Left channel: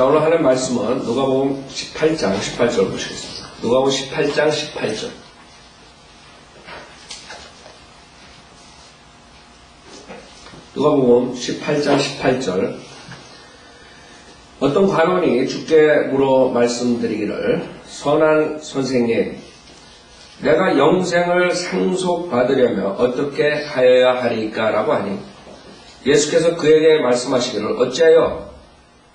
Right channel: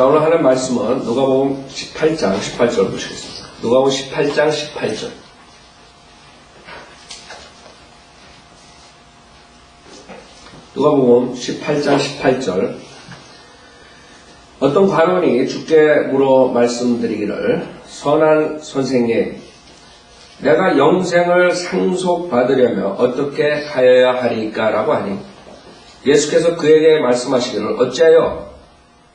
자, 오늘 하는 말씀은 누가복음 18장 18절 보시겠습니다. 누가복음 18장 18절. 누가복음 18장 18절. 어떤 관원이 주께 물어 말씀드리기를, 선한 선생님, 내가 영생을 상속받으려면 어떻게 하여야 하리까? 라고 하니 예수께서 그에게 말씀하시기를, 어찌하여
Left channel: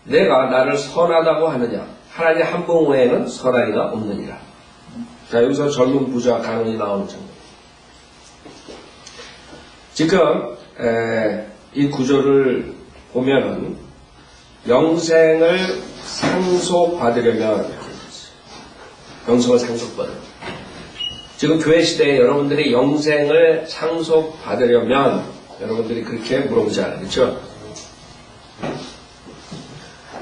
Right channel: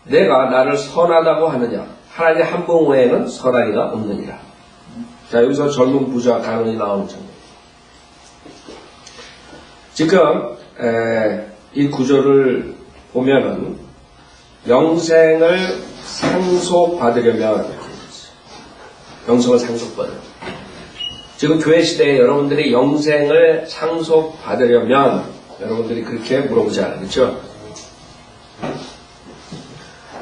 내가 나를 선하다고 하느냐? 하나님 한 분 외에는 선한 이가 없느니라. 자, 여기서 젊은 부자 간원이 나오는 장면. 지금 이 구절을 보면은 영생을 상속받으려면, 영생을 상속받으려면, 지금 교회 시대에 여러분들이 영생을 상속받으려면 여러분들이 그렇게 물어보지 않아요. 그렇죠?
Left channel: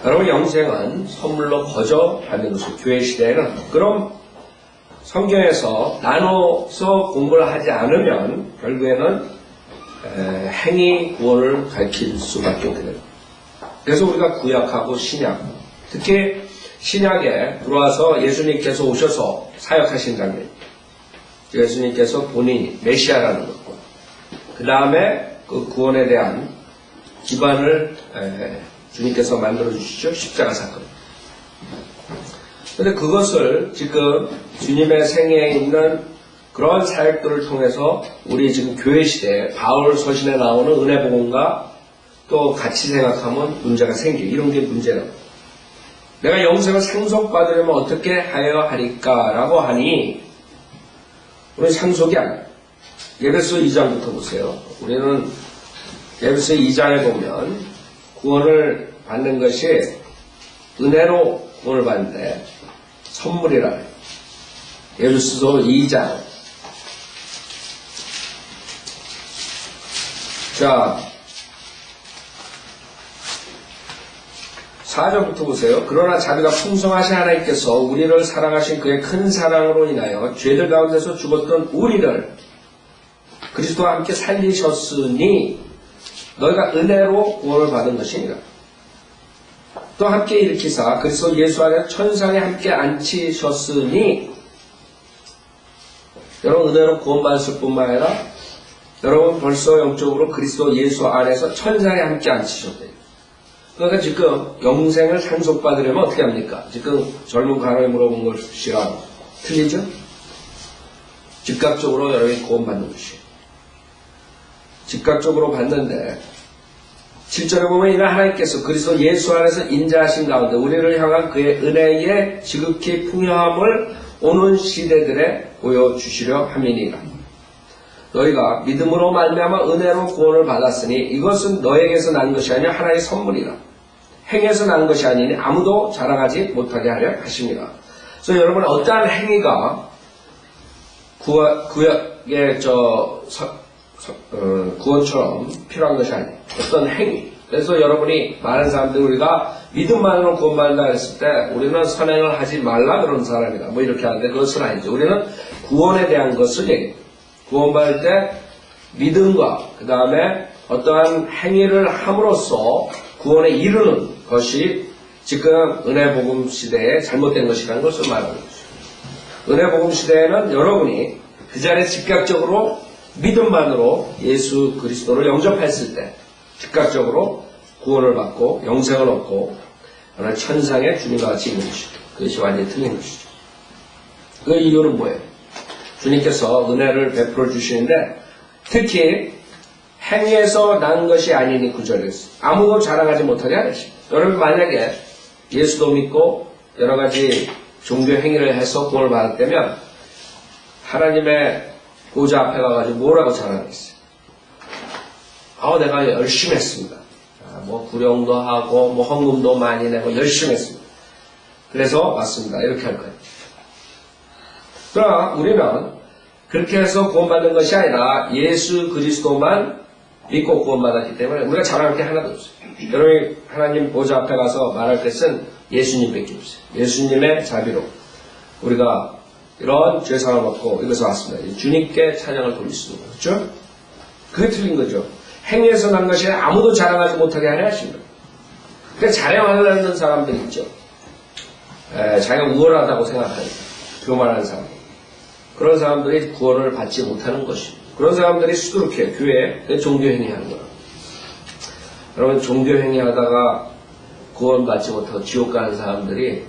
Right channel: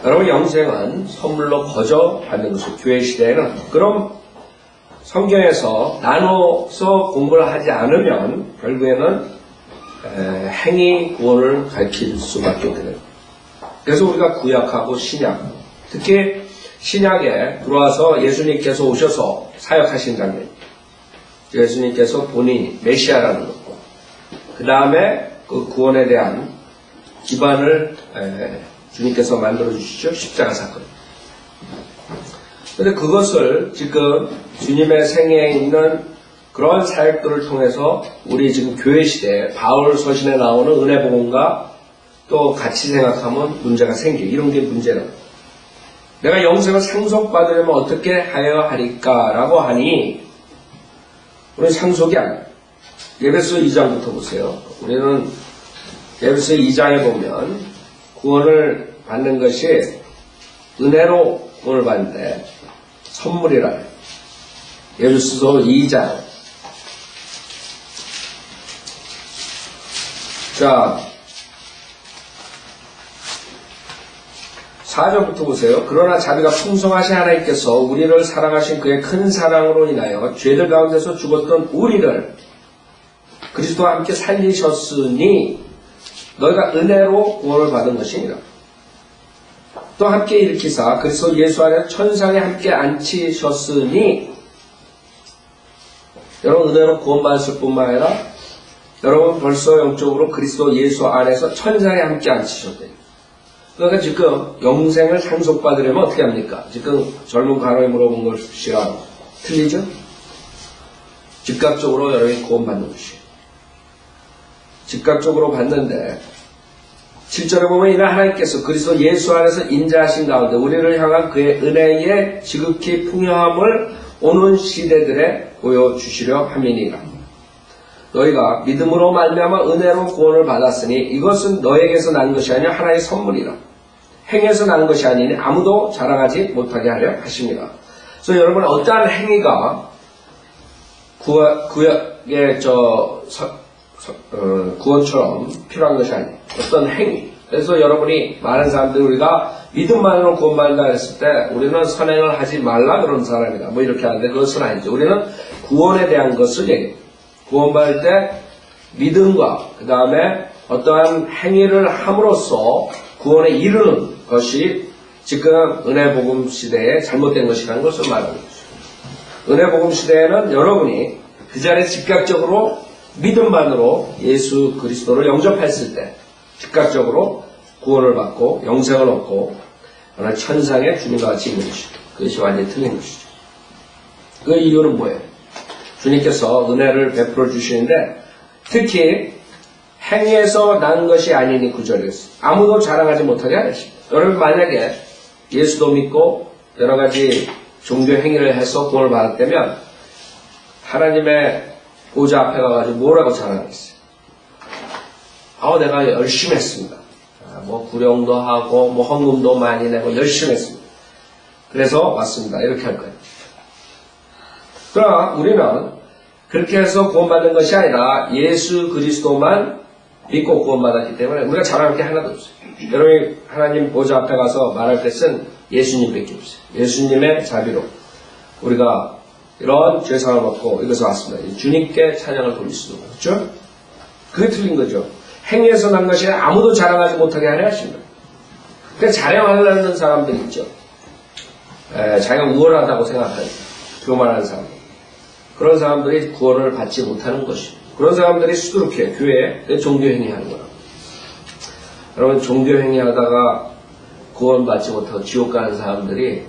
여러분, 영생은 선물로 거저 받는 것이고, 교회 시대에는. 그럼 성경에서 나눠서 공부를 하지 않으면 결국에는 행위 구원을 가르칠 수밖에 없게 됩니다. 그래서 우리가 구약하고 신약, 특히 신약에 들어와서 예수님께서 오셔서 사역하신 장면, 예수님께서 본인이 메시아라는 것, 그 다음에 그 구원에 대한 기반을 주님께서 만들어주시죠. 십자가 사건. 그런데 그것을 지금 주님의 생애에 있는 그런 사역들을 통해서 우리 지금 교회 시대에 바울 서신에 나오는 은혜복음과 또 같이 생각하면 문제가 생겨. 이런 게 문제라고. 내가 영생을 상속받으려면 어떻게 하여야 하리까? 라고 하니 우리는 상속이 아니에요. 에베소 2장부터 보세요. 우리는 에베소 2장에 보면 구원을 받는 것이 은혜로 구원을 받는데 선물이라 해요. 에베소서 2장. 자, 4절부터 보세요. 그러나 자비가 풍성하신 하나님께서 우리를 사랑하신 그의 큰 사랑으로 인하여 죄들 가운데서 죽었던 우리를 그리스도와 함께 살리셨으니 너희가 은혜로 구원을 받은 것이니라. 또 함께 일으키사 그리스도 예수 안에 천상에 함께 앉히셨으니, 여러분 은혜로 구원받았을 뿐만 아니라 여러분 벌써 영적으로 그리스도 예수 안에서 천상에 함께 앉히셨대요. 그러니까 지금 영생을 상속받으려면 어떻게 합니까? 지금 젊은 간호에 물어본 것이랑 틀리죠? 즉각적으로 여러분이 구원받는 것이에요. 즉각적으로 받는데 7절에 보면 이날 하나님께서 그리스도 예수 안에서 인자하신 가운데 우리를 향한 그의 은혜의 지극히 풍요함을 오는 시대들에 보여주시려 함이니라. 너희가 믿음으로 말미암아 은혜로 구원을 받았으니 이것은 너에게서 난 것이 아니라 하나의 선물이라. 행에서 난 것이 아니니 아무도 자랑하지 못하게 하려 하십니다. 그래서 여러분, 어떠한 행위가 구약의 구원처럼 필요한 것이 아니에요. 어떤 행위. 그래서 여러분이 많은 사람들이 우리가 믿음만으로 구원받는다 했을 때 우리는 선행을 하지 말라 그런 사람이다. 뭐 이렇게 하는데 그것은 아니죠. 우리는 구원에 대한 것을 얘기해요. 구원받을 때 믿음과 그 다음에 어떠한 행위를 함으로써 구원에 이르는 것이 지금 은혜복음 시대에 잘못된 것이라는 것을 말하는 거죠. 은혜복음 시대에는 여러분이 그 자리에 즉각적으로 믿음만으로 예수 그리스도를 영접했을 때 즉각적으로 구원을 받고 영생을 얻고 하나의 천상에 주님과 같이 있는 것이죠. 그것이 완전히 틀린 것이죠. 그 이유는 뭐예요? 주님께서 은혜를 베풀어 주시는데 특히 행위에서 난 것이 아니니 구절에서 아무도 자랑하지 못하게 하십니다. 여러분 만약에 예수도 믿고 여러 가지 종교 행위를 해서 구원을 받았다면 하나님의 보좌 앞에 가가지고 뭐라고 자랑했어요? 내가 열심히 했습니다. 뭐 구령도 하고 뭐 헌금도 많이 내고 열심히 했습니다. 그래서 왔습니다. 이렇게 할 거예요. 그러나 우리는 그렇게 해서 구원받는 것이 아니라 예수 그리스도만 믿고 구원받았기 때문에 우리가 자랑할 게 하나도 없어요. 여러분이 하나님 보좌 앞에 가서 말할 것은 예수님밖에 없어요. 예수님의 자비로 우리가 이런 죄상을 받고 이것을 왔습니다. 주님께 찬양을 돌릴 수 있는 거죠. 그렇죠? 그게 틀린 거죠. 행위에서 난 것이 아무도 자랑하지 못하게 하려 하십니다. 자랑하려는 사람들 있죠. 자기가 우월하다고 생각하는 교만하는 사람들. 그런 사람들이 구원을 받지 못하는 것이. 그런 사람들이 수두룩해 교회에 종교행위 하는 거라고. 여러분 종교행위 하다가 구원받지 못하고 지옥 가는 사람들이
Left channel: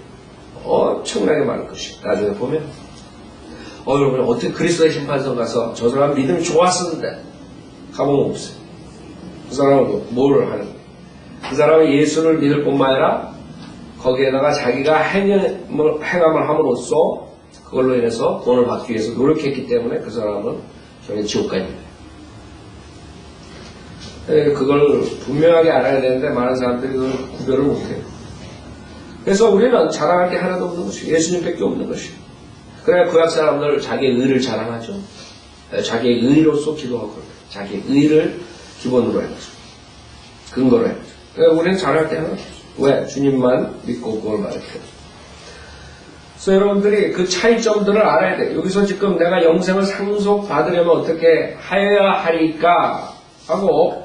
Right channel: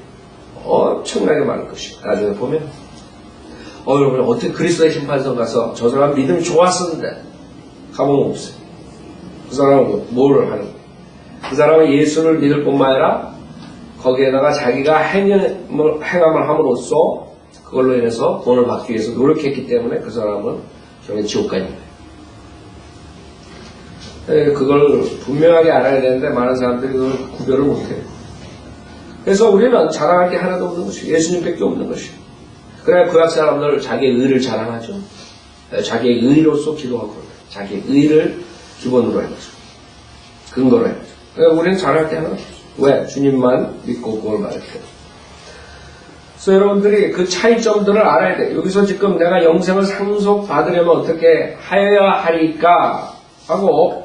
엄청나게 많을 것이. 나중에 보면 여러분 어떻게 그리스도의 심판선 가서 저 사람 믿음이 좋았었는데 가보면 없어요. 그 사람은 뭘 하는 거예요? 그 사람은 예수를 믿을 뿐만 아니라 거기에다가 자기가 행함을 함으로써 그걸로 인해서 구원을 받기 위해서 노력했기 때문에 그 사람은 저기 지옥 가 있는 거예요. 그걸 분명하게 알아야 되는데 많은 사람들이 그걸 구별을 못해요. 그래서 우리는 자랑할 게 하나도 없는 것이 예수님밖에 없는 것이. 그래야 구약 사람들 자기의 의를 자랑하죠. 자기의 의로서 기도하고 그럽니다. 자기의 의를 기본으로 해가지고 근거로 해가지고. 그러니까 우리는 자랑할 게 하나 없어요. 왜? 주님만 믿고 구원을 받을 때. 그래서 여러분들이 그 차이점들을 알아야 돼요. 여기서 지금 내가 영생을 상속받으려면 어떻게 하여야 하리까 하고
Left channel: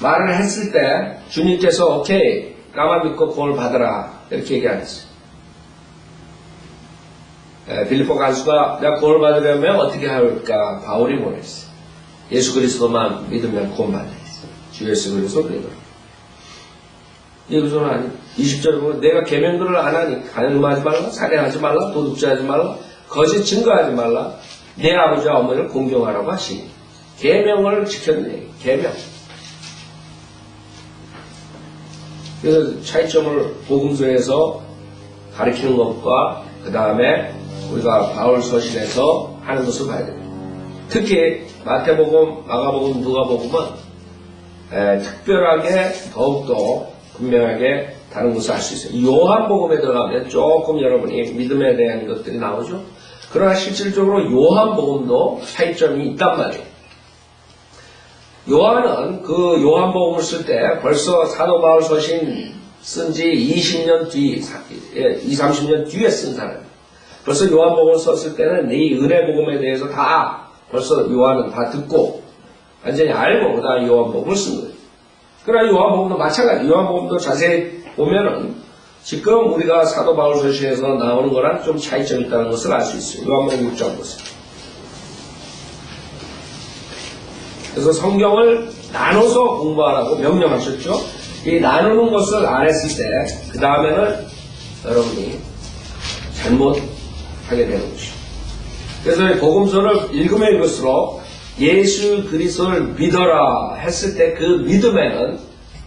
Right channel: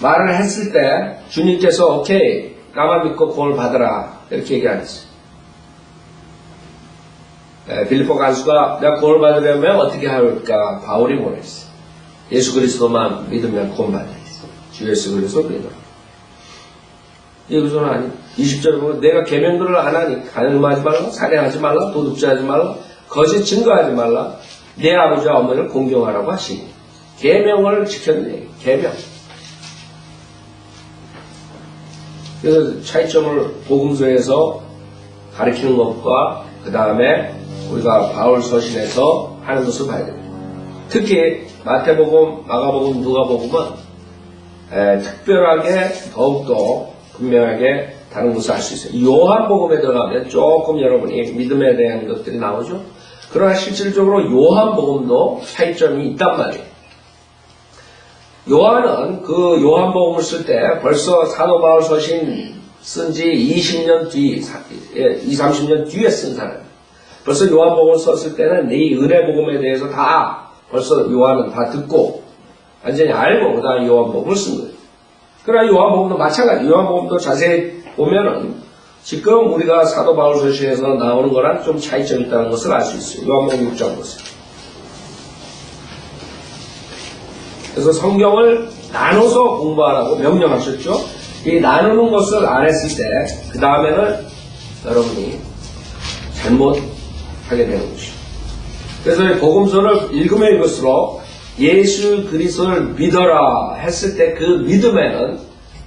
말을 했을 때 주님께서 오케이 나만 믿고 구원을 받으라 이렇게 얘기 안 했어요. 빌립보 간수가 내가 구원을 받으려면 어떻게 할까 바울이 뭐라 했어요. 예수 그리스도만 믿으면 구원받아 했어요. 주 예수 그리스도 믿어라. 여기서는 아니 20절에 보면 내가 계명들을 안 하니 간음하지 말라, 살인하지 말라, 도둑질하지 말라, 거짓 증거하지 말라, 내 아버지와 어머니를 공경하라고 하시니 계명을 지켰네. 계명. 그래서 차이점을 복음서에서 가르치는 것과 그 다음에 우리가 바울 서신에서 하는 것을 봐야 됩니다. 특히 마태복음, 마가복음, 누가복음은 특별하게 더욱더 분명하게 다른 것을 알 수 있어요. 요한복음에 들어가면 조금 여러분이 믿음에 대한 것들이 나오죠. 그러나 실질적으로 요한복음도 차이점이 있단 말이에요. 요한은 그 요한복음을 쓸 때 벌써 사도 바울 서신 쓴 지 20년 뒤, 30년 뒤에 쓴 사람이에요. 벌써 요한복음을 썼을 때는 이 은혜복음에 대해서 다 벌써 요한은 다 듣고 완전히 알고 그 다음에 요한복음을 쓴 거예요. 그러나 요한복음도 마찬가지. 요한복음도 자세히 보면은 지금 우리가 사도 바울 서신에서 나오는 거랑 좀 차이점이 있다는 것을 알 수 있어요. 요한복음 6장 보세요. 그래서 성경을 나눠서 공부하라고 명령하셨죠. 이 나누는 것을 안 했을 때 그 다음에는 여러분이 잘못하게 되는 것이죠. 그래서 이 복음서를 읽으면 읽을수록 예수 그리스도를 믿어라 했을 때 그 믿음에는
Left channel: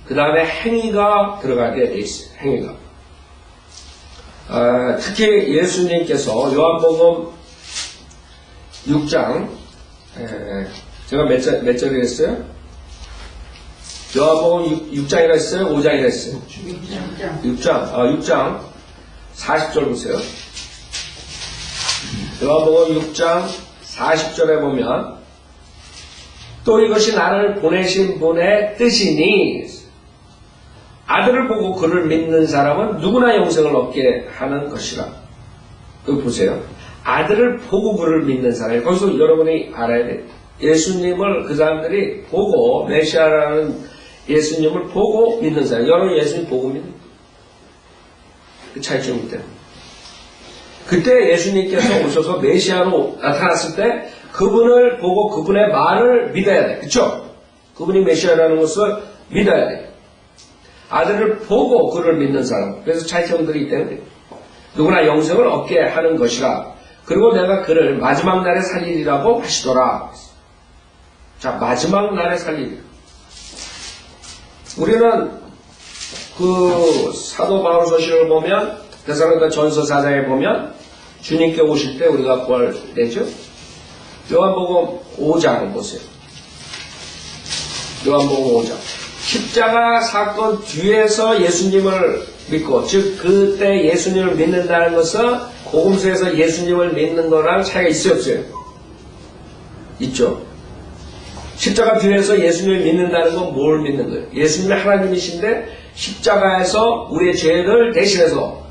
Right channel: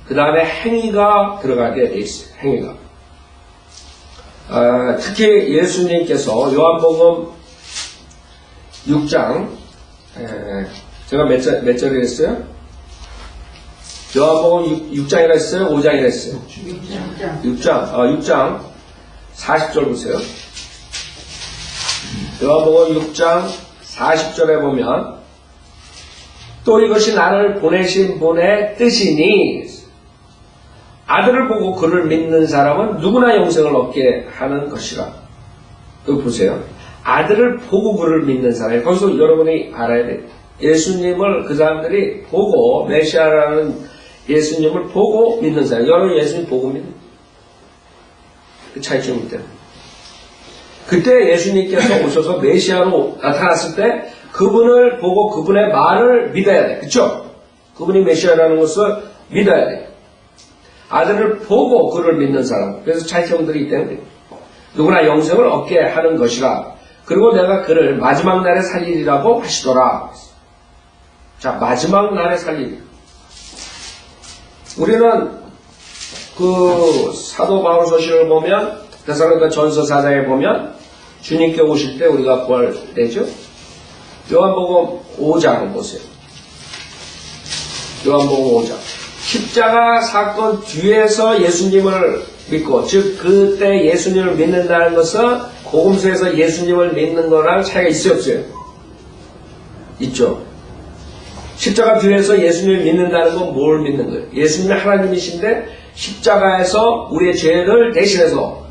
그 다음에 행위가 들어가게 돼 있어요. 행위가. 특히 예수님께서 요한복음 6장 제가 몇 절이라 했어요? 요한복음 6장이라 했어요? 5장이라 했어요? 6장 40절 보세요. 요한복음 6장 40절에 보면 또 이것이 나를 보내신 분의 뜻이니 아들을 보고 그를 믿는 사람은 누구나 영생을 얻게 하는 것이라. 여기 보세요. 아들을 보고 그를 믿는 사람. 거기서 여러분이 알아야 돼요. 예수님을 그 사람들이 보고 메시아라는 예수님을 보고 믿는 사람. 여러분 예수님 보고 믿는 그 차이점이 때문에. 그때 예수님께서 오셔서 메시아로 나타났을 때 그분을 보고 그분의 말을 믿어야 돼. 그쵸? 그분이 메시아라는 것을 믿어야 돼. 아들을 보고 그를 믿는 사람. 그래서 차이점들이 있기 때문에 누구나 영생을 얻게 하는 것이라. 그리고 내가 그를 마지막 날에 살리리라고 하시더라. 자, 마지막 날에 살리리. 우리는 그 사도 바울 서신을 보면 데살로니가 전서 4장에 보면 주님께 오실 때 우리가 부활되죠. 요한복음 5장 보세요. 요한복음 5장. 십자가 사건 뒤에서 예수님을 믿고, 즉 그때 예수님을 믿는다는 것은 복음서에서 예수님을 믿는 거랑 차이가 있어요, 없어요? 있죠. 십자가 뒤에서 예수님을 믿는다는 건 뭘 믿는 거예요? 예수님이 하나님이신데 십자가에서 우리의 죄를 대신해서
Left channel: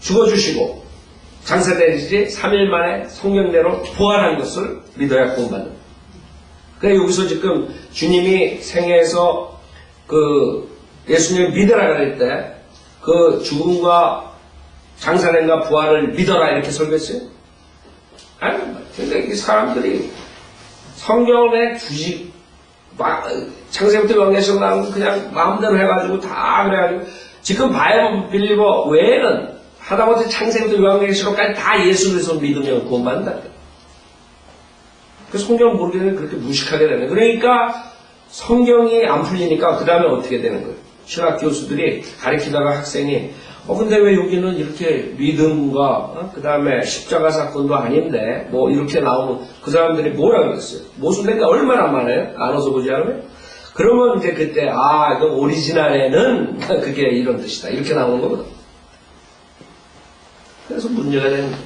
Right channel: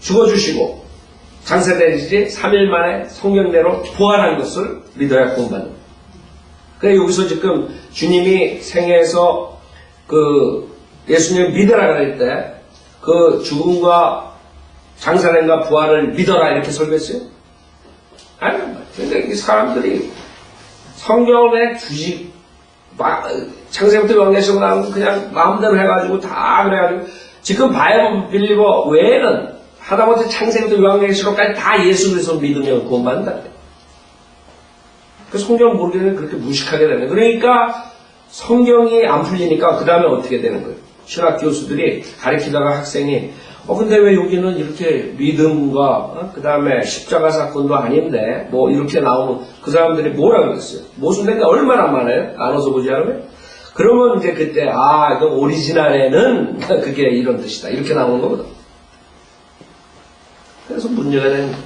죽어주시고 장사되지 3일 만에 성경대로 부활한 것을 믿어야 구원받는 거예요. 그러니까 여기서 지금 주님이 생애에서 예수님 믿으라 그럴 때 그 죽음과 장사된과 부활을 믿어라 이렇게 설교했어요? 아니, 근데 이 사람들이 성경을 그냥 굳이 창세부터 요한계시록 나오고 그냥 마음대로 해가지고 다 그래가지고 지금 바이블 빌리버 외에는 하다못해 창세부터 요한계시록까지 다 예수 그리스도 믿으면 구원받는다. 그 성경 모르게 되면 그렇게 무식하게 되는 거예요. 그러니까 성경이 안 풀리니까 그 다음에 어떻게 되는 거예요? 신학 교수들이 가르치다가 학생이 근데 왜 여기는 이렇게 믿음과 그 다음에 십자가 사건도 아닌데 뭐 이렇게 나오면 그 사람들이 뭐라 그랬어요? 모순된 게 얼마나 많아요? 나눠서 보지 않으면? 그러면 이제 그때 이거 오리지널에는 그게 이런 뜻이다 이렇게 나오는 거거든. 그래서 문제가 되는 거예요.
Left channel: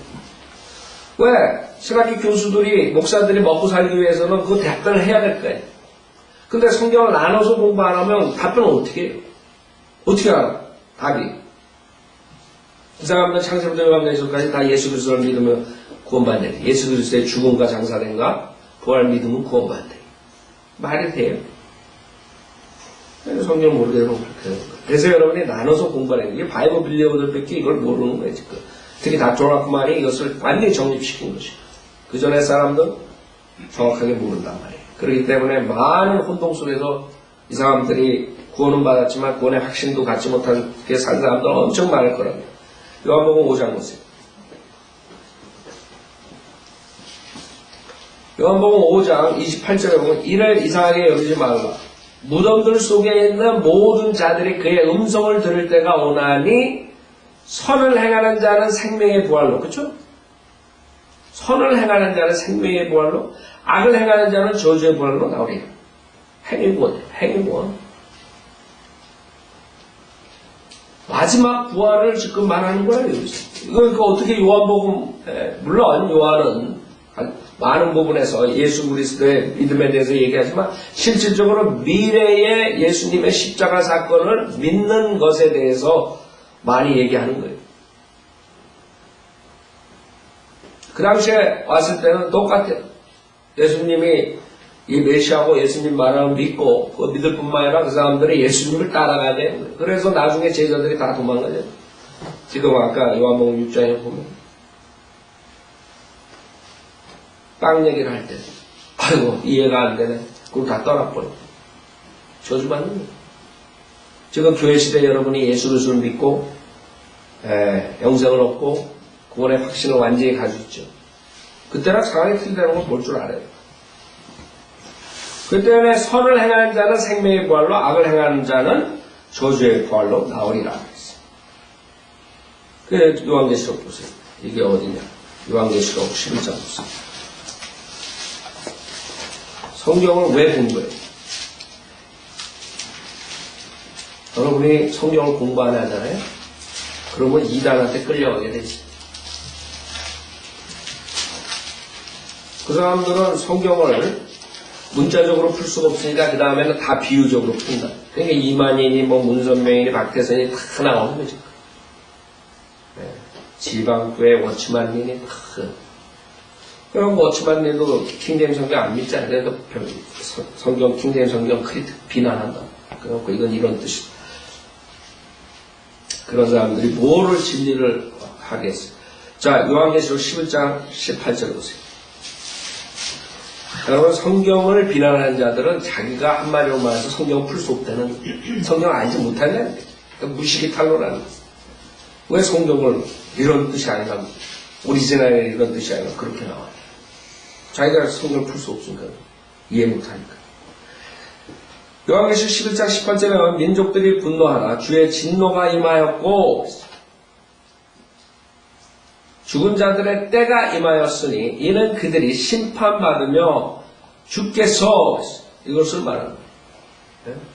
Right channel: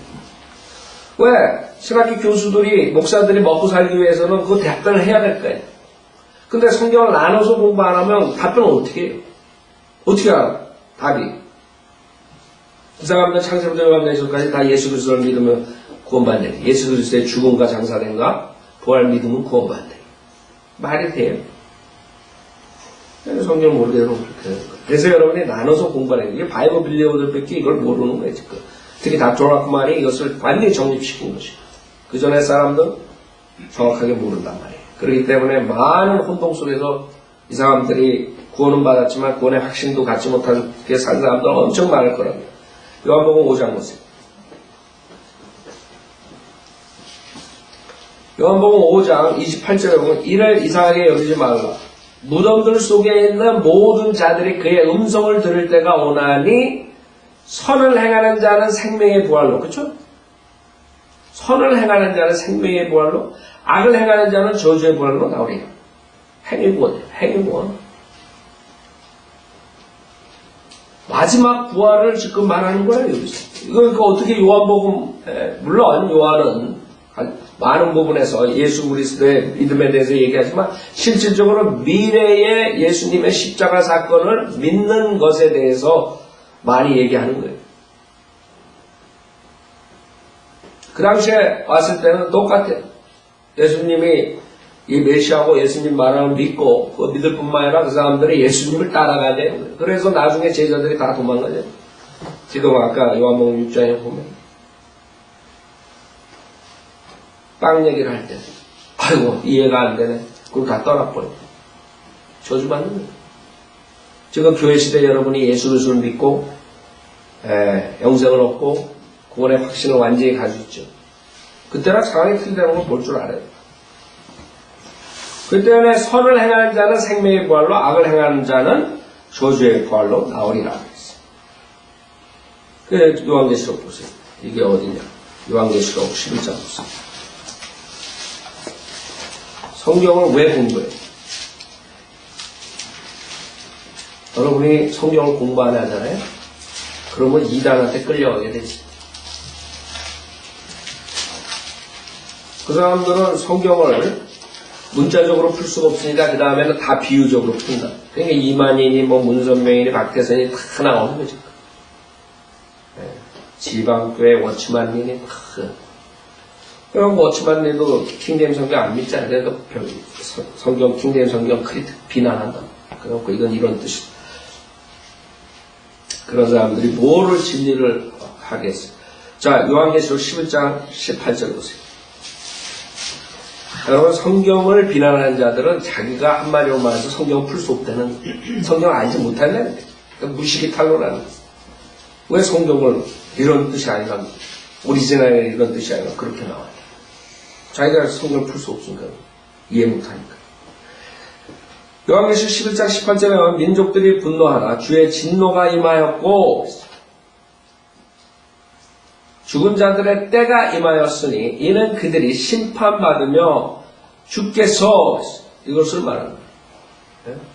왜? 신학교 교수들이 목사들이 먹고 살기 위해서는 그 답변을 해야 될 거예요. 근데 성경을 나눠서 공부 안 하면 답변을 어떻게 해요? 어떻게 알아? 답이. 그 사람들 창세부터 요한계시록까지 다 예수 그리스도를 믿으면 구원받네. 예수 그리스도의 죽음과 장사된가 부활 믿으면 구원받네. 말이 돼요? 성경 모르게 되면 그렇게 되는 거예요. 그래서 여러분이 나눠서 공부하는 거예요. 이게 바이블 빌리버들밖에 이걸 모르는 거예요, 지금. 특히 닥터라크만이 이것을 완전히 정립시킨 것이에요. 그 전에 사람들 정확하게 모른단 말이에요. 그렇기 때문에 많은 혼동 속에서 이 사람들이 구원은 받았지만 구원의 확신도 갖지 못한 게 산 사람들은 엄청 많을 거랍니다. 요한복음 5장 보세요. 요한복음 5장 28절에 보면 이를 이상하게 여기지 말라. 무덤들 속에 있는 모든 자들이 그의 음성을 들을 때가 오나니 선을 행하는 자는 생명의 부활로, 그렇죠? 선을 행하는 자는 생명의 부활로, 악을 행하는 자는 저주의 부활로 나오리라. 행위구원이에요. 행위구원. 마지막 부활을 지금 말하는 거예요. 여기서. 이거 어떻게 요한복음, 물론 요한은 많은 부분에서 예수 그리스도의 믿음에 대해서 얘기하지만 실질적으로 미래의 예수님의 십자가 사건을 믿는 것에 대해서 많이 얘기하는 거예요. 그 당시에 왔을 때는 똑같아요. 예수님이 이 메시아고 예수님 말을 믿고 그거 믿을 뿐만 아니라 그 사람들이 예수님을 따라가야 돼요. 그래서 나중에 제자들이 다 도망가죠. 지금 아까 요한복음 6장에 보면 빵 얘기를 할 때 아이고 이해가 안 되네. 그럼 다 떠나버려. 저주받는 거예요. 지금 교회 시대 여러분이 예수 그리스도를 믿고 영생을 얻고 구원의 확신을 완전히 가지고 있죠. 그때랑 상황이 틀리다는 걸 볼 줄 알아요. 그 때문에 선을 행하는 자는 생명의 부활로 악을 행하는 자는 저주의 부활로 나오리라. 그 요한계시록 보세요. 이게 어디냐? 요한계시록 11장 보세요. 성경을 왜 공부해요? 여러분이 성경을 공부 안 하잖아요? 그러면 이단한테 끌려가게 되지. 그 사람들은 성경을 문자적으로 풀 수가 없으니까 그 다음에는 다 비유적으로 푼다. 그러니까 이만희니 문선명이니 박태선이 다 나오는 거죠. 지방교회 워치만님이 다. 그럼 워치만님도 킹제임 성경 안 믿잖아요. 그래서 성경 킹제임 성경 비난한다. 그래갖고 이건 이런 뜻이다. 그런 사람들이 뭐를 진리를 하겠어요. 자, 요한계시록 11장 18절 보세요. 여러분, 성경을 비난하는 자들은 자기가 한마디로 말해서 성경을 풀 수 없다는, 성경을 알지 못한다는 거예요. 그러니까 무식이 탄로라는 거예요. 왜 성경을 이런 뜻이 아니라, 오리지널에 이런 뜻이 아니라 그렇게 나와요. 자기가 성경을 풀 수 없으니까, 이해 못하니까. 요한계시록 11장 18절에 보면 민족들이 분노하나 주의 진노가 임하였고 죽은 자들의 때가 임하였으니 이는 그들이 심판받으며 주께서 이것을 말합니다.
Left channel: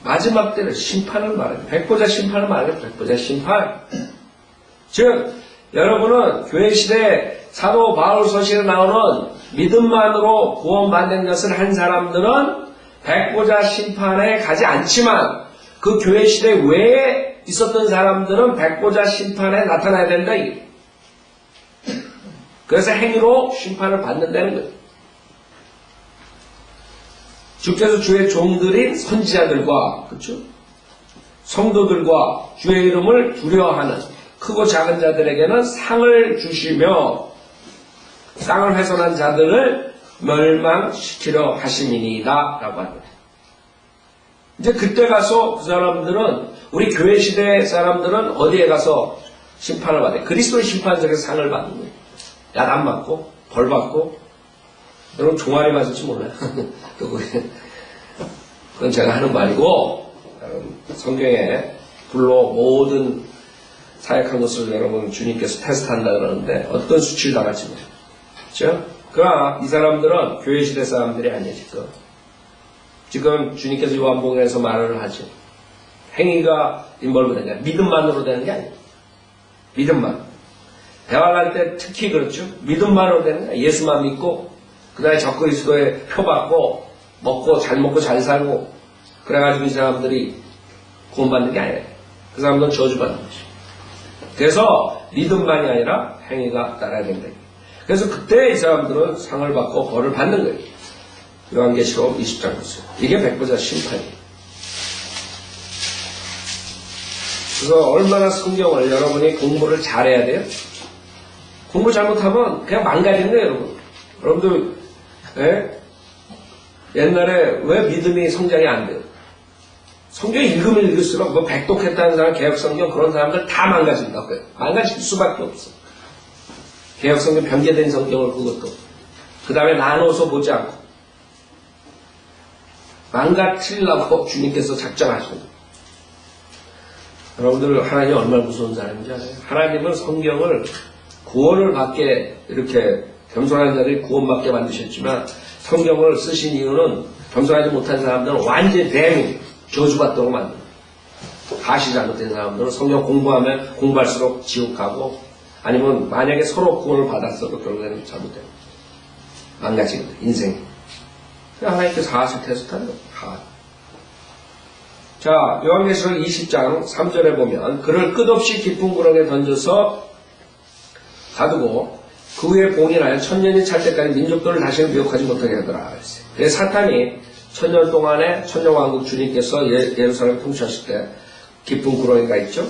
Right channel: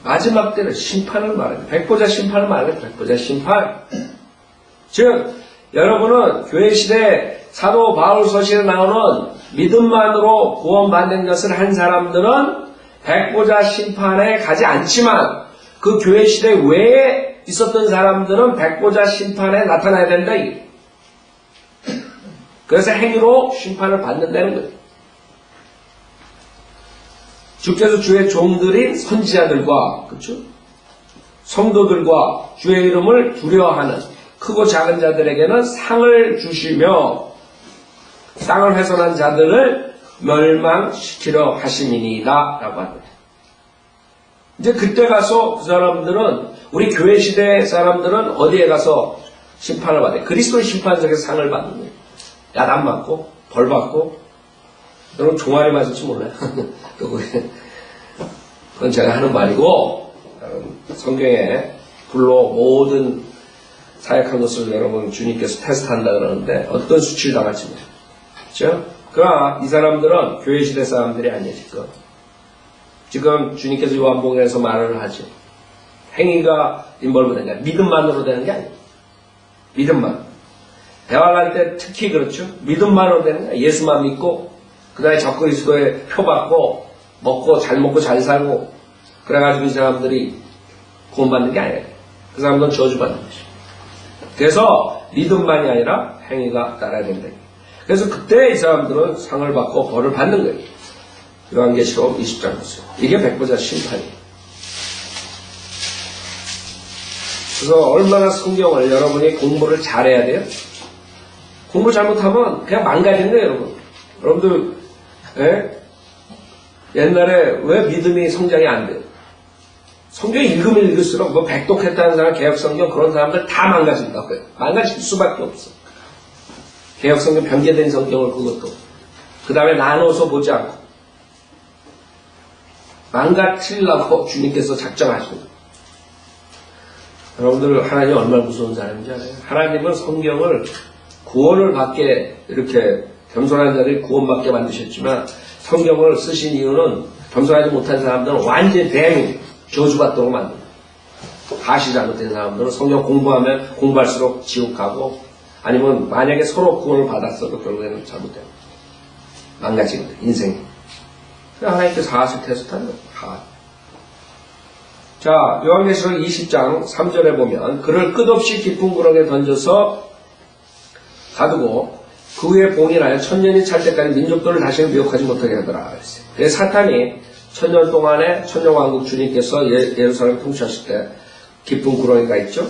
마지막 때는 심판을 말합니다. 백보자 심판을 말합니다. 백보자 심판. 즉 여러분은 교회 시대 사도 바울 서신에 나오는 믿음만으로 구원받는 것을 한 사람들은 백보자 심판에 가지 않지만 그 교회 시대 외에 있었던 사람들은 백보자 심판에 나타나야 된다. 그래서 행위로 심판을 받는다는 거예요. 주께서 주의 종들인 선지자들과 그렇죠? 성도들과 주의 이름을 두려워하는 크고 작은 자들에게는 상을 주시며 땅을 훼손한 자들을 멸망시키려 하심이니이다 라고 합니다. 이제 그때 가서 그 사람들은 우리 교회 시대 사람들은 어디에 가서 심판을 받아요? 그리스도의 심판석에서 상을 받는 거예요. 야단 맞고 벌 받고. 여러분 종아리 맞을지 몰라요. 그건 제가 하는 말이고 성경에 불로 모든 사역한 것을 여러분 주님께서 테스트한다 그러는데 어떤 수치를 당할지 모르죠. 그렇죠? 그러나 이 사람들은 교회 시대 사람들이 아니에요. 지금 주님께서 요한복음에서 말을 하죠. 행위가 인벌브된 게 아니라 믿음만으로 되는 게 아니에요. 믿음만. 대화를 할 때 특히 그렇죠. 믿음만으로 되는 거예요. 예수만 믿고 그 다음에 적그리스도에 표받고 먹고 잘 살고 그래가지고 이 사람들이 구원받는 게 아니에요. 그 사람들은 저주받는 거죠. 그래서 믿음만이 아니라 행위가 따라야 된다. 그래서 그때 이 사람들은 상을 받고 벌을 받는 거예요. 요한계시록 20장 보세요. 이게 백보자 심판이에요. 그래서 얼마나 성경을 여러분이 공부를 잘해야 돼요? 공부 잘못하면 그냥 망가지는 거예요, 여러분. 여러분들 옛날에 왜 믿음이 성장이 안 돼요? 성경 읽으면 읽을수록 뭐 백독했다는 사람, 개혁성경 그런 사람들 다 망가진다고요. 망가질 수밖에 없어. 개혁성경 변개된 성경을 그것도 그 다음에 나눠서 보지 않고 망가뜨리려고 주님께서 작정하시는 거예요. 여러분들 하나님 얼마나 무서운 사람인지 알아요? 하나님은 성경을 구원을 받게 이렇게 겸손한 자들이 구원받게 만드셨지만 성경을 쓰신 이유는 겸손하지 못한 사람들은 완전히 대민 저주받도록 만듭니다. 가시 잘못된 사람들은 성경 공부하면 공부할수록 지옥 가고 아니면 만약에 서로 구원을 받았어도 결국에는 잘못됩니다. 망가집니다. 인생이. 하나님께서 하하실 테스트하는 거예요. 자, 요한계시록 20장 3절에 보면 그를 끝없이 깊은 구렁에 던져서 가두고 그 후에 봉인하여 천년이 찰 때까지 민족들을 다시는 미혹하지 못하게 하더라. 그래서 사탄이 천년 동안에 천년왕국 주님께서 예루살렘을 통치하실 때 깊은 구렁이가 있죠.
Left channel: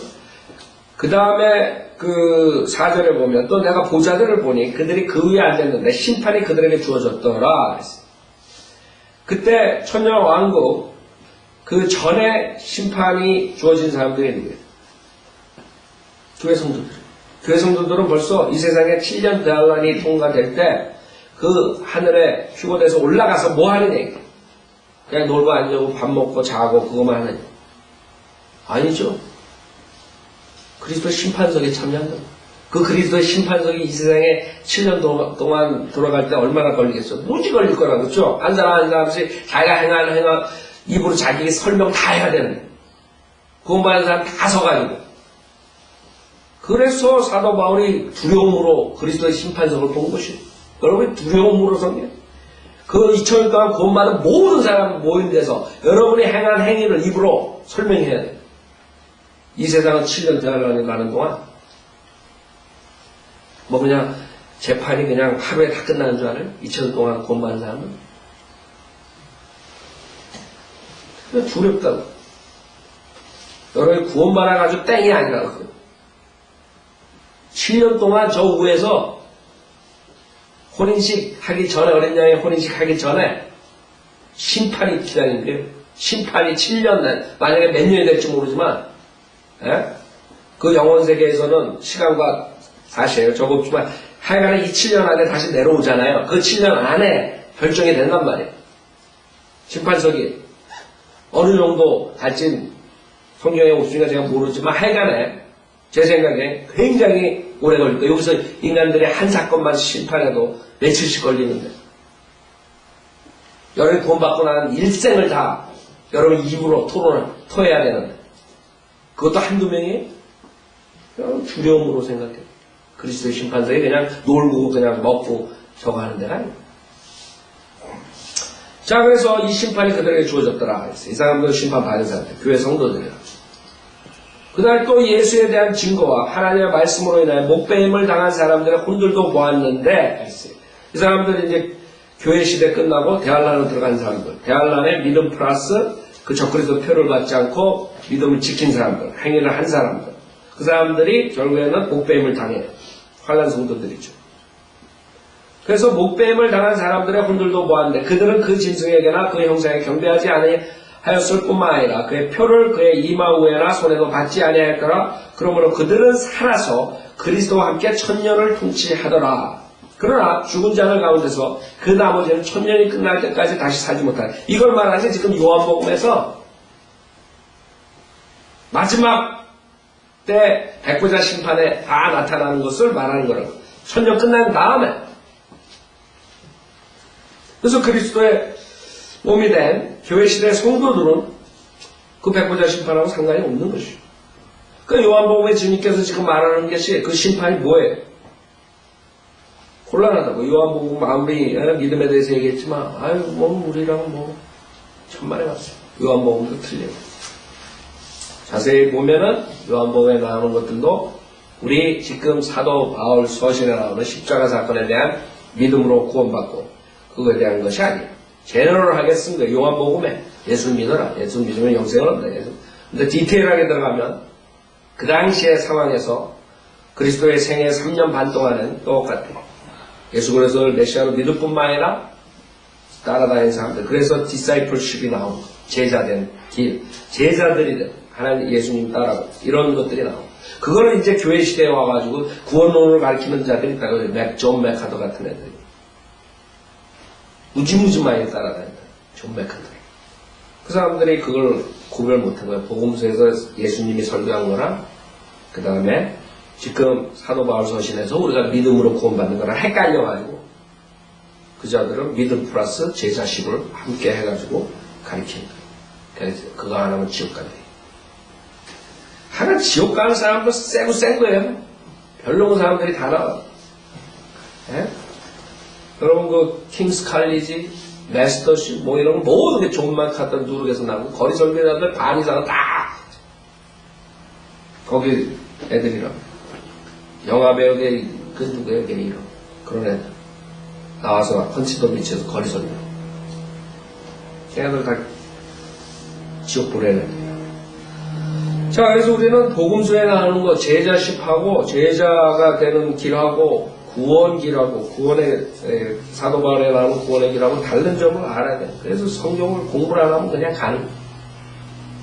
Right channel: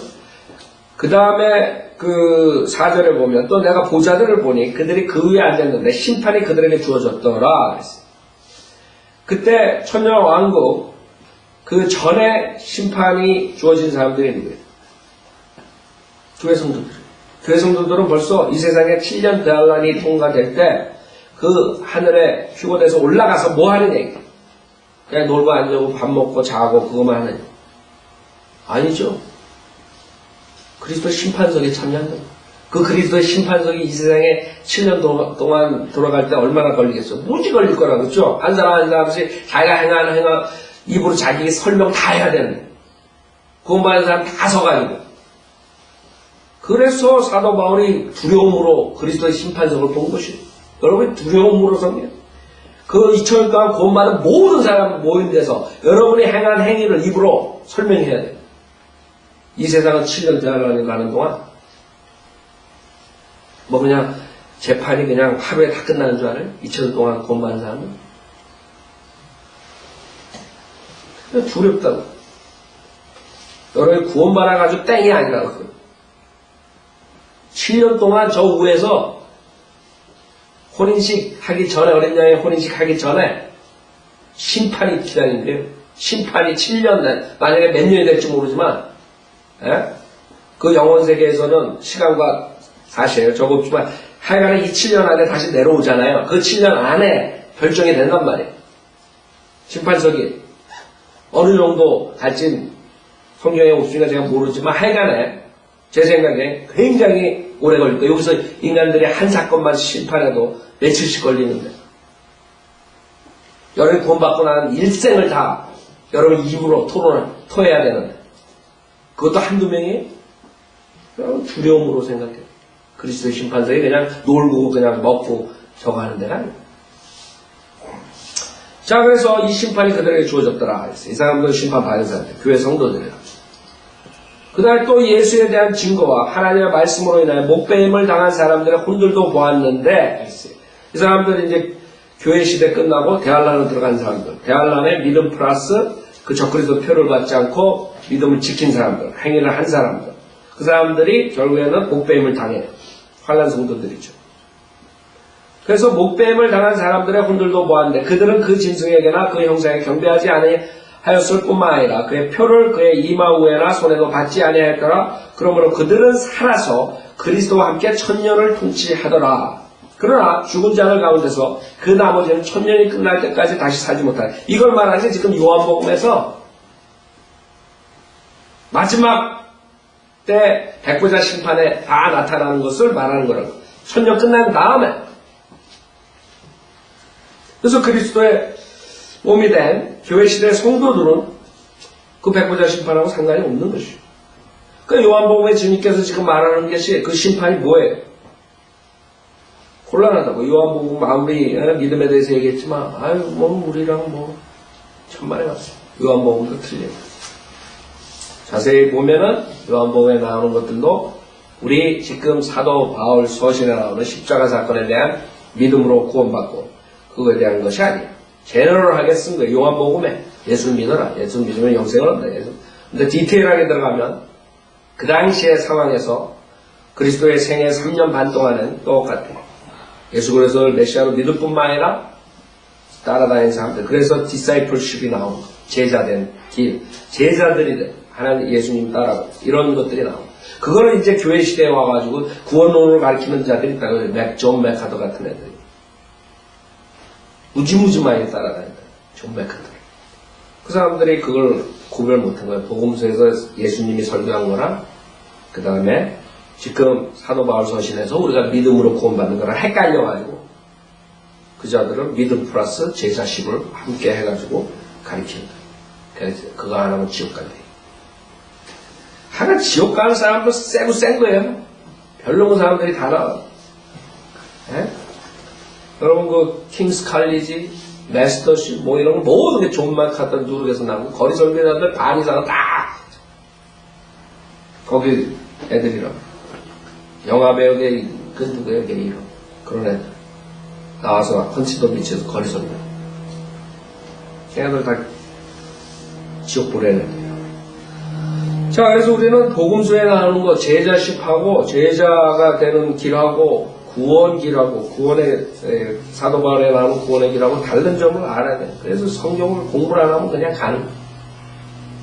그 다음에 그 4절에 보면 또 내가 보자들을 보니 그들이 그 위에 앉았는데 심판이 그들에게 주어졌더라. 그때 천년왕국 그 전에 심판이 주어진 사람들이 누구예요? 교회 성도들. 교회 성도들은 벌써 이 세상에 7년 대환란이 통과될 때 그 하늘에 휴거돼서 올라가서 뭐 하는 얘기? 그냥 놀고 앉고 밥 먹고 자고 그것만 하는 얘기. 아니죠. 그리스도의 심판석에 참여한다. 그 그리스도의 심판석이 이 세상에 7년 동안 돌아갈 때 얼마나 걸리겠어? 무지 걸릴 거라고, 그렇죠? 한 사람 한 사람씩 자기가 행한 입으로 자기 설명 다 해야 되는데 구원받은 사람 다 서가지고. 그래서 사도 바울이 두려움으로 그리스도의 심판석을 본 것이에요. 여러분이 두려움으로 섬겨요. 그 2000년 동안 구원받은 모든 사람 모인 데서 여러분이 행한 행위를 입으로 설명해야 돼요. 이 세상은 7년 대환란이 가는 동안 뭐 그냥 재판이 그냥 하루에 다 끝나는 줄 알아요? 2000년 동안 구원받은 사람은? 두렵다고. 여러분이 구원받아가지고 땡이 아니라고. 7년 동안 저 위에서 혼인식 하기 전에, 어린 양의 혼인식 하기 전에 심판이 기다린대요. 심판이 7년 날, 만약에 몇 년이 될지 모르지만, 그 영원 세계에서는 시간과 사실이에요. 적었지만, 하여간에 이 7년 안에 다시 내려오잖아요. 그 7년 안에 결정이 된단 말이에요. 심판석이 어느 정도 갈진 성경에 없으니까 제가 모르지만, 하여간에 제 생각에 굉장히 오래 걸릴 거예요. 여기서 인간들이 한 사건만 심판해도 며칠씩 걸리는데 여러분이 구원받고 난 일생을 다 여러분 입으로 토해야 되는데 그것도 한두 명이 그냥 두려움으로 생각해요. 그리스도의 심판석이 그냥 놀고 그냥 먹고 저거 하는 데가 아니에요. 자, 그래서 이 심판이 그들에게 주어졌더라. 이 사람들은 심판받은 사람들, 교회 성도들이라. 그 다음에 또 예수에 대한 증거와 하나님의 말씀으로 인하여 목배임을 당한 사람들의 혼들도 보았는데, 이 사람들은 이제 교회 시대 끝나고 대환란으로 들어간 사람들, 대환란의 믿음 플러스 그 적그리스도 표를 받지 않고 믿음을 지킨 사람들, 행위를 한 사람들, 그 사람들이 결국에는 목배임을 당해요. 환난 성도들이죠. 그래서 목배임을 당한 사람들의 혼들도 보았는데 그들은 그 짐승에게나 그 형상에 경배하지 아니하였을 뿐만 아니라 그의 표를 그의 이마 위에나 손에도 받지 아니하였더라. 그러므로 그들은 살아서 그리스도와 함께 천년을 통치하더라. 그러나 죽은 자들 가운데서 그 나머지는 천년이 끝날 때까지 다시 살지 못하라. 이걸 말하지 지금 요한복음에서 마지막 때 백보자 심판에 다 나타나는 것을 말하는 거라고. 천년 끝난 다음에. 그래서 그리스도의 몸이 된 교회 시대 성도들은 그 백보자 심판하고 상관이 없는 것이에요. 그 요한복음의 주님께서 지금 말하는 것이 그 심판이 뭐예요? 곤란하다고. 요한복음 마무리 믿음에 대해서 얘기했지만 우리랑 천만에 맞어요. 요한복음도 틀려요. 자세히 보면은 요한복음에 나오는 것들도 우리 지금 사도 바울 서신에 나오는 십자가 사건에 대한 믿음으로 구원받고 그거에 대한 것이 아니에요. 제너럴하게 쓴 거예요. 요한복음에 예수 믿어라. 예수 믿으면 영생을 얻는다. 근데 디테일하게 들어가면 그 당시의 상황에서 그리스도의 생애 3년 반 동안은 똑같아요. 예수 그리스도를 메시아로 믿을 뿐만 아니라 따라다니는 사람들. 그래서 디사이플십이 나오는 거예요. 제자된 길. 제자들이 된 하나님 예수님 따라가고 이런 것들이 나오고 그거는 이제 교회 시대에 와가지고 구원론을 가르치는 자들이 있다고. 존 맥하더 같은 애들이 무지무지 많이 따라다닌다. 존 맥하더. 그 사람들이 그걸 구별 못한 거예요. 복음서에서 예수님이 설교한 거랑 그 다음에 지금 사도 바울 서신에서 우리가 믿음으로 구원받는 거랑 헷갈려가지고 그 자들은 믿음 플러스 제자식을 함께 해가지고 가르치는 거예요. 그래서 그거 안 하면 지옥 간대. 하나 지옥 가는 사람도 세고 센 거예요. 별로 사람들이 다 나와요. 예? 여러분 그 킹스 칼리지, 메스터십 이런 거 모든 게 존 마카터 누룩에서 나오고 거리 설교자들 반 이상은 다 거기 애들이라고. 영화 배우계 그 누구예요? 게이로 그런 애들 나와서 헌치도 비치에서 거리 설교. 걔네들 다 지옥 보내는 애들이에요. 자, 그래서 우리는 복음서에 나오는 거 제자식하고 제자가 되는 길하고 구원 길하고 구원의 사도 바울에 나오는 구원의 길하고 다른 점을 알아야 돼요. 그래서 성경을 공부를 안 하면 그냥 가는 거예요.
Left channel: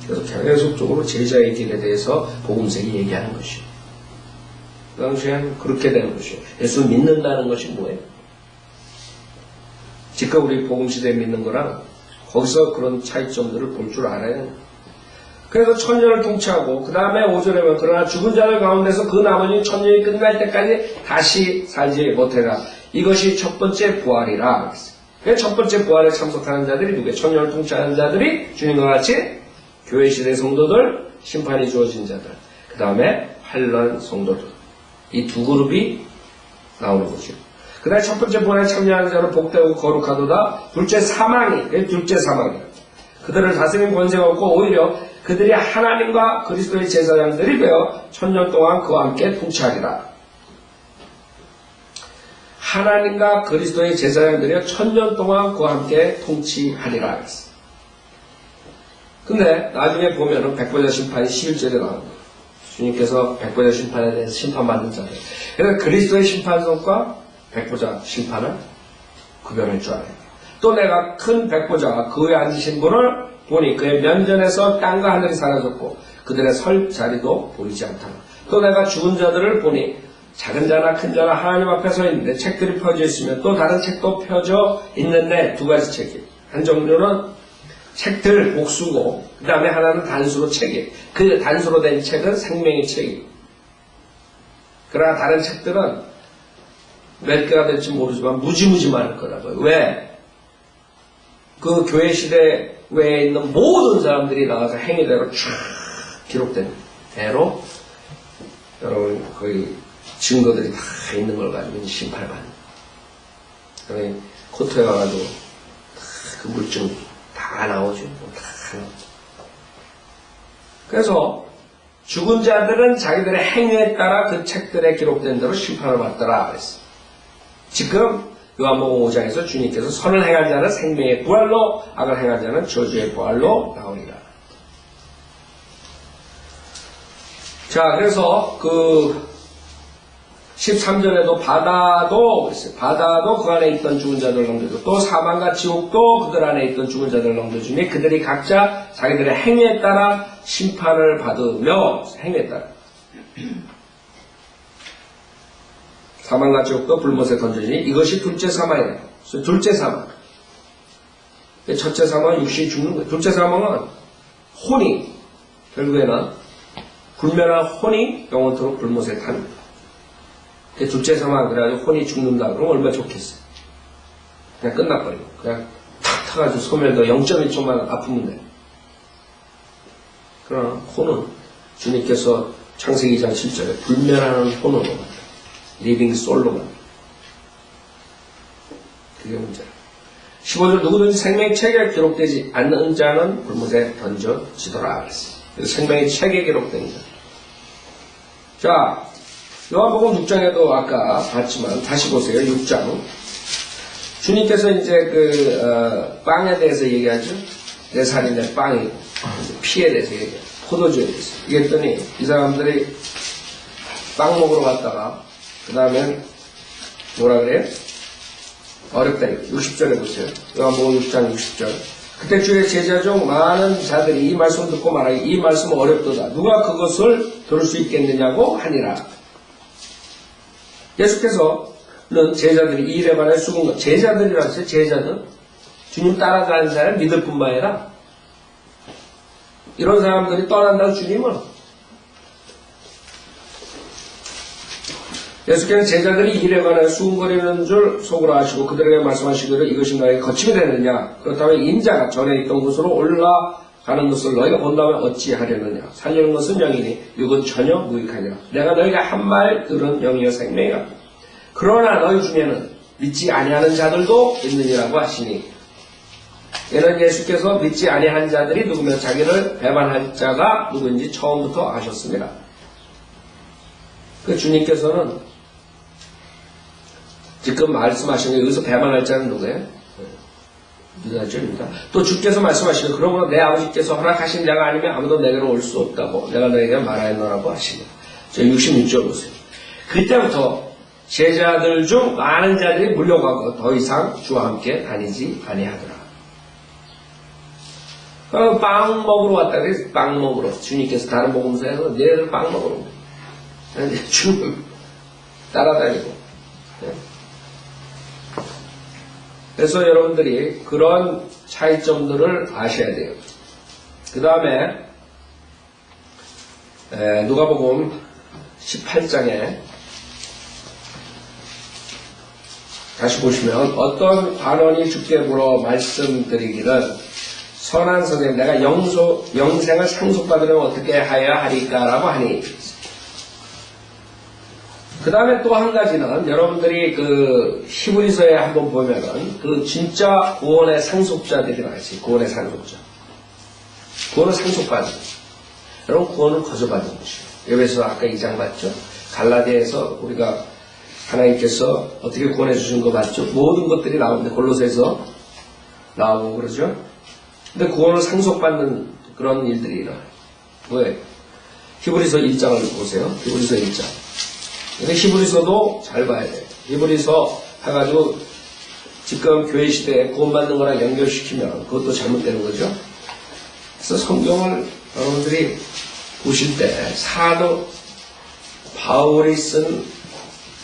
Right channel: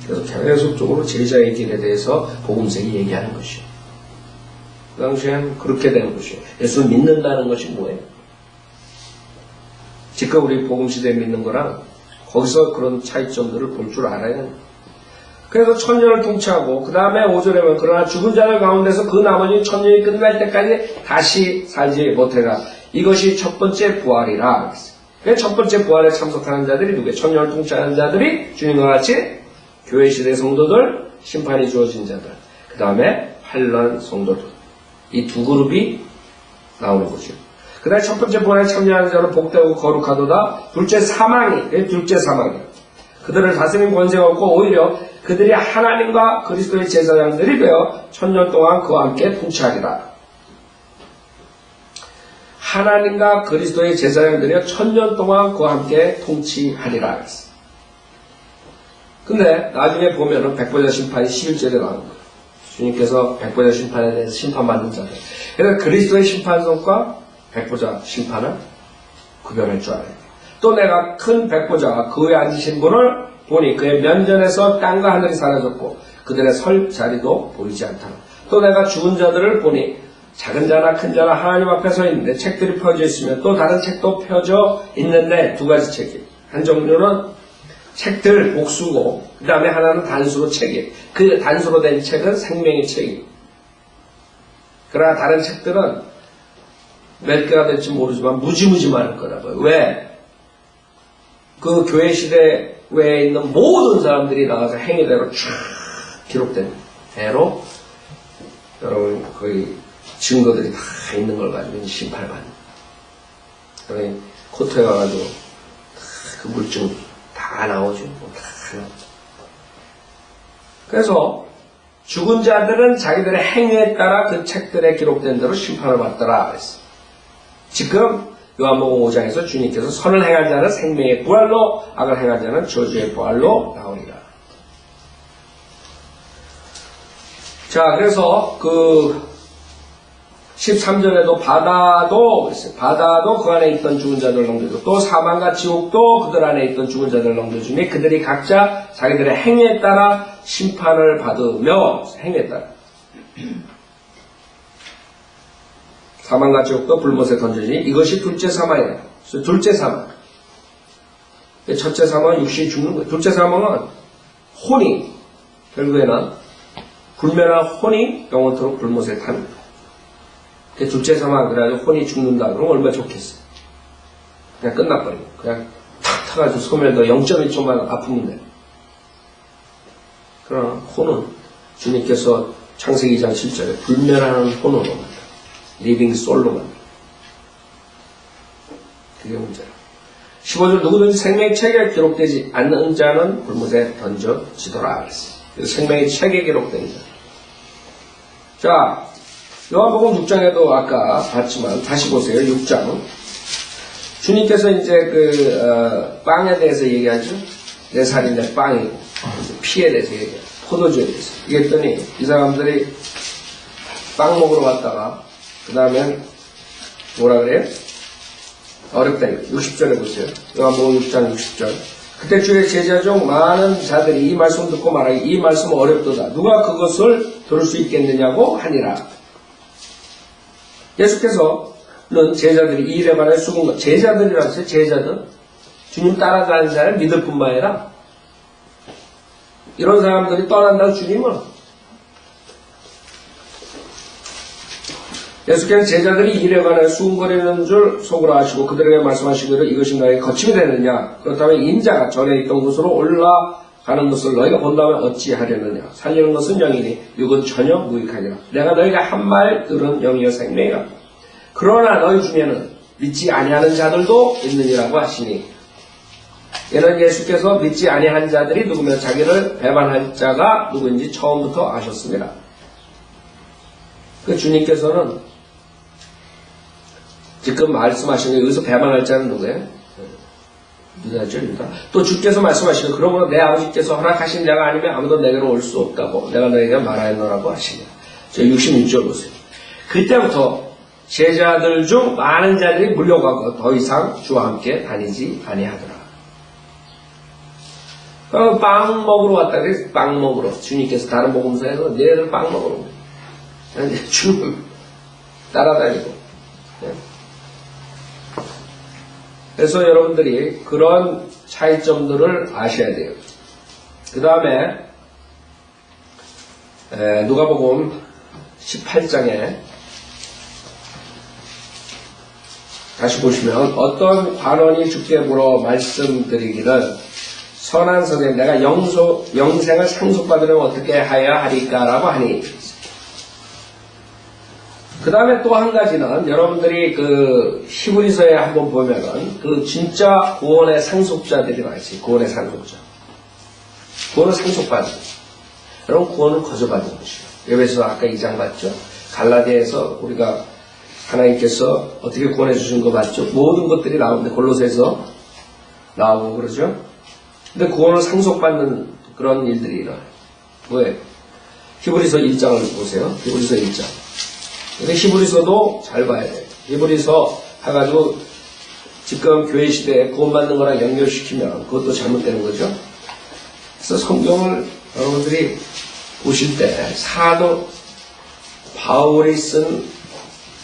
그래서 계속적으로 제자의 길에 대해서 복음서에 얘기하는 것이에요. 그 당시엔 그렇게 되는 것이에요. 예수 믿는다는 것이 뭐예요? 지금 우리 복음시대에 믿는 거랑 거기서 그런 차이점들을 볼 줄 알아야 돼요. 그래서 천년을 통치하고 그 다음에 5절에 보면 그러나 죽은 자들 가운데서 그 나머지는 천년이 끝날 때까지 다시 살지 못해라. 이것이 첫 번째 부활이라. 첫 번째 부활에 참석하는 자들이 누구예요? 천년을 통치하는 자들이 주님과 같이 교회 시대 성도들, 심판이 주어진 자들, 그 다음에 환난 성도들. 이 두 그룹이 나오는 거죠. 그 다음에 첫 번째 부활에 참여하는 자는 복되고 거룩하도다. 둘째 사망이, 둘째 사망이. 그들을 다스리는 권세가 없고 오히려 그들이 하나님과 그리스도의 제사장들이 되어 천년 동안 그와 함께 통치하리라. 하나님과 그리스도의 제사장들이 천년 동안 그와 함께 통치하리라. 근데 나중에 보면은 백보자 심판이 11절에 나오는 거예요. 주님께서 백보자 심판에 대해서 심판받는 자들. 그래서 그리스도의 심판성과 백보자 심판을 구별할 줄 알아야 돼요. 또 내가 큰 백보자와 그 위에 앉으신 분을 보니 그의 면전에서 땅과 하늘이 사라졌고 그들의 설 자리도 보이지 않다. 또 내가 죽은 자들을 보니 작은 자나 큰 자나 하나님 앞에 서 있는데 책들이 펴져 있으며 또 다른 책도 펴져 있는데 두 가지 책이. 한 종류는 책들 복수고 그 다음에 하나는 단수로 책이. 그 단수로 된 책은 생명의 책이. 그러나 다른 책들은 몇 개가 될지 모르지만 무지무지 많을 거라고요. 왜? 그 교회 시대 외에 있는 모든 사람들이 나와서 행위대로 쫙 기록된 대로 여러분 거의 증거들이 다 있는 걸 가지고 심판을 받는. 그러니 코트에 와가지고 그 물증 다 나오죠. 다 나오죠. 그래서 죽은 자들은 자기들의 행위에 따라 그 책들에 기록된 대로 심판을 받더라 그랬어요. 지금 요한복음 5장에서 주님께서 선을 행한 자는 생명의 부활로, 악을 행한 자는 저주의 부활로 나오리라. 자, 그래서 13절에도 바다도 그 안에 있던 죽은 자들을 넘겨주고, 또 사망과 지옥도 그들 안에 있던 죽은 자들을 넘겨주니 그들이 각자 자기들의 행위에 따라 심판을 받으며, 행위에 따라 사망과 지옥도 불못에 던져지니 이것이 둘째 사망이에요. 둘째 사망. 첫째 사망은 육신이 죽는 거예요. 둘째 사망은 혼이, 결국에는 불멸한 혼이 영원토록 불못에 타는 거예요. 둘째 사망, 그래가지고 혼이 죽는다 그러면 얼마나 좋겠어요. 그냥 끝나버리고 그냥 탁 타가지고 소멸도 0.1초만 아프면 돼요. 그러나 혼은 주님께서 창세기 2장 7절에 불멸하는 혼으로 만들어요. 리빙 솔로 만들어요. 그게 문제라. 15절 누구든지 생명의 책에 기록되지 않는 자는 불못에 던져지더라 그랬어요. 그래서 생명의 책에 기록된 자. 자, 요한복음 6장에도 아까 봤지만 다시 보세요. 6장. 주님께서 이제 빵에 대해서 얘기하죠. 내 살이 내 빵이고 피에 대해서 얘기해요. 포도주에 대해서. 얘기했더니 이 사람들이 빵 먹으러 갔다가 그 다음에 뭐라 그래요? 어렵다니까. 60절에 보세요. 요한복음 6장 60절. 그때 주의 제자 중 많은 자들이 이 말씀을 듣고 말하기 이 말씀은 어렵도다. 누가 그것을 들을 수 있겠느냐고 하니라. 예수께서는 제자들이 이 일에 관해 죽은 것, 제자들이라고 했어요. 제자들. 주님 따라가는 사람 믿을 뿐만 아니라 이런 사람들이 떠난다고 주님은 예수께서는 제자들이 이 일에 관해 수군거리는 줄 속으로 아시고 그들에게 말씀하시기를 이것이 너에게 거침이 되느냐. 그렇다면 인자가 전에 있던 곳으로 올라가는 것을 너희가 본다면 어찌하려느냐. 살리는 것은 영이니 육은 전혀 무익하니라. 내가 너희가 한 말 들은 영이여 생명이라. 그러나 너희 중에는 믿지 아니하는 자들도 있느니라고 하시니 이는 예수께서 믿지 아니한 자들이 누구며 자기를 배반할 자가 누구인지 처음부터 아셨습니다. 그 주님께서는 지금 말씀하신 게 여기서 배반할 자는 누구예요? 유다죠, 유다. 또 주께서 말씀하시고 그러므로 내 아버지께서 허락하신 자가 아니면 아무도 내게로 올 수 없다고 내가 너에게 말하였노라고 하시냐. 저 66절 보세요. 그때부터 제자들 중 많은 자들이 물려가고 더 이상 주와 함께 다니지 아니하더라. 빵 먹으러 왔다 그래서 빵 먹으러 주님께서 다른 복음서에서 너희들 빵 먹으러 주님 따라다니고. 그래서 여러분들이 그런 차이점들을 아셔야 돼요. 그 다음에 누가복음 18장에 다시 보시면 어떤 관원이 주께 물어 말씀드리기를 선한 선생님 내가 영생을 상속받으려면 어떻게 하여야 하리까 라고 하니 그 다음에 또 한 가지는 여러분들이 히브리서에 한번 보면은 진짜 구원의 상속자들이 나있어요. 구원의 상속자. 구원을 상속받은 여러분 구원을 거저받은 것이에요. 에베소 아까 2장 봤죠? 갈라디아에서 우리가 하나님께서 어떻게 구원해 주신 거 봤죠? 모든 것들이 나오는데 골로새에서 나오고 그러죠? 근데 구원을 상속받는 그런 일들이 일어나요. 뭐예요? 히브리서 1장을 보세요. 히브리서 1장. 근데 히브리서도 잘 봐야 돼요. 히브리서 해가지고 지금 교회 시대에 구원받는 거랑 연결시키면 그것도 잘못되는 거죠. 그래서 성경을 여러분들이 보실 때 사도 바울이 쓴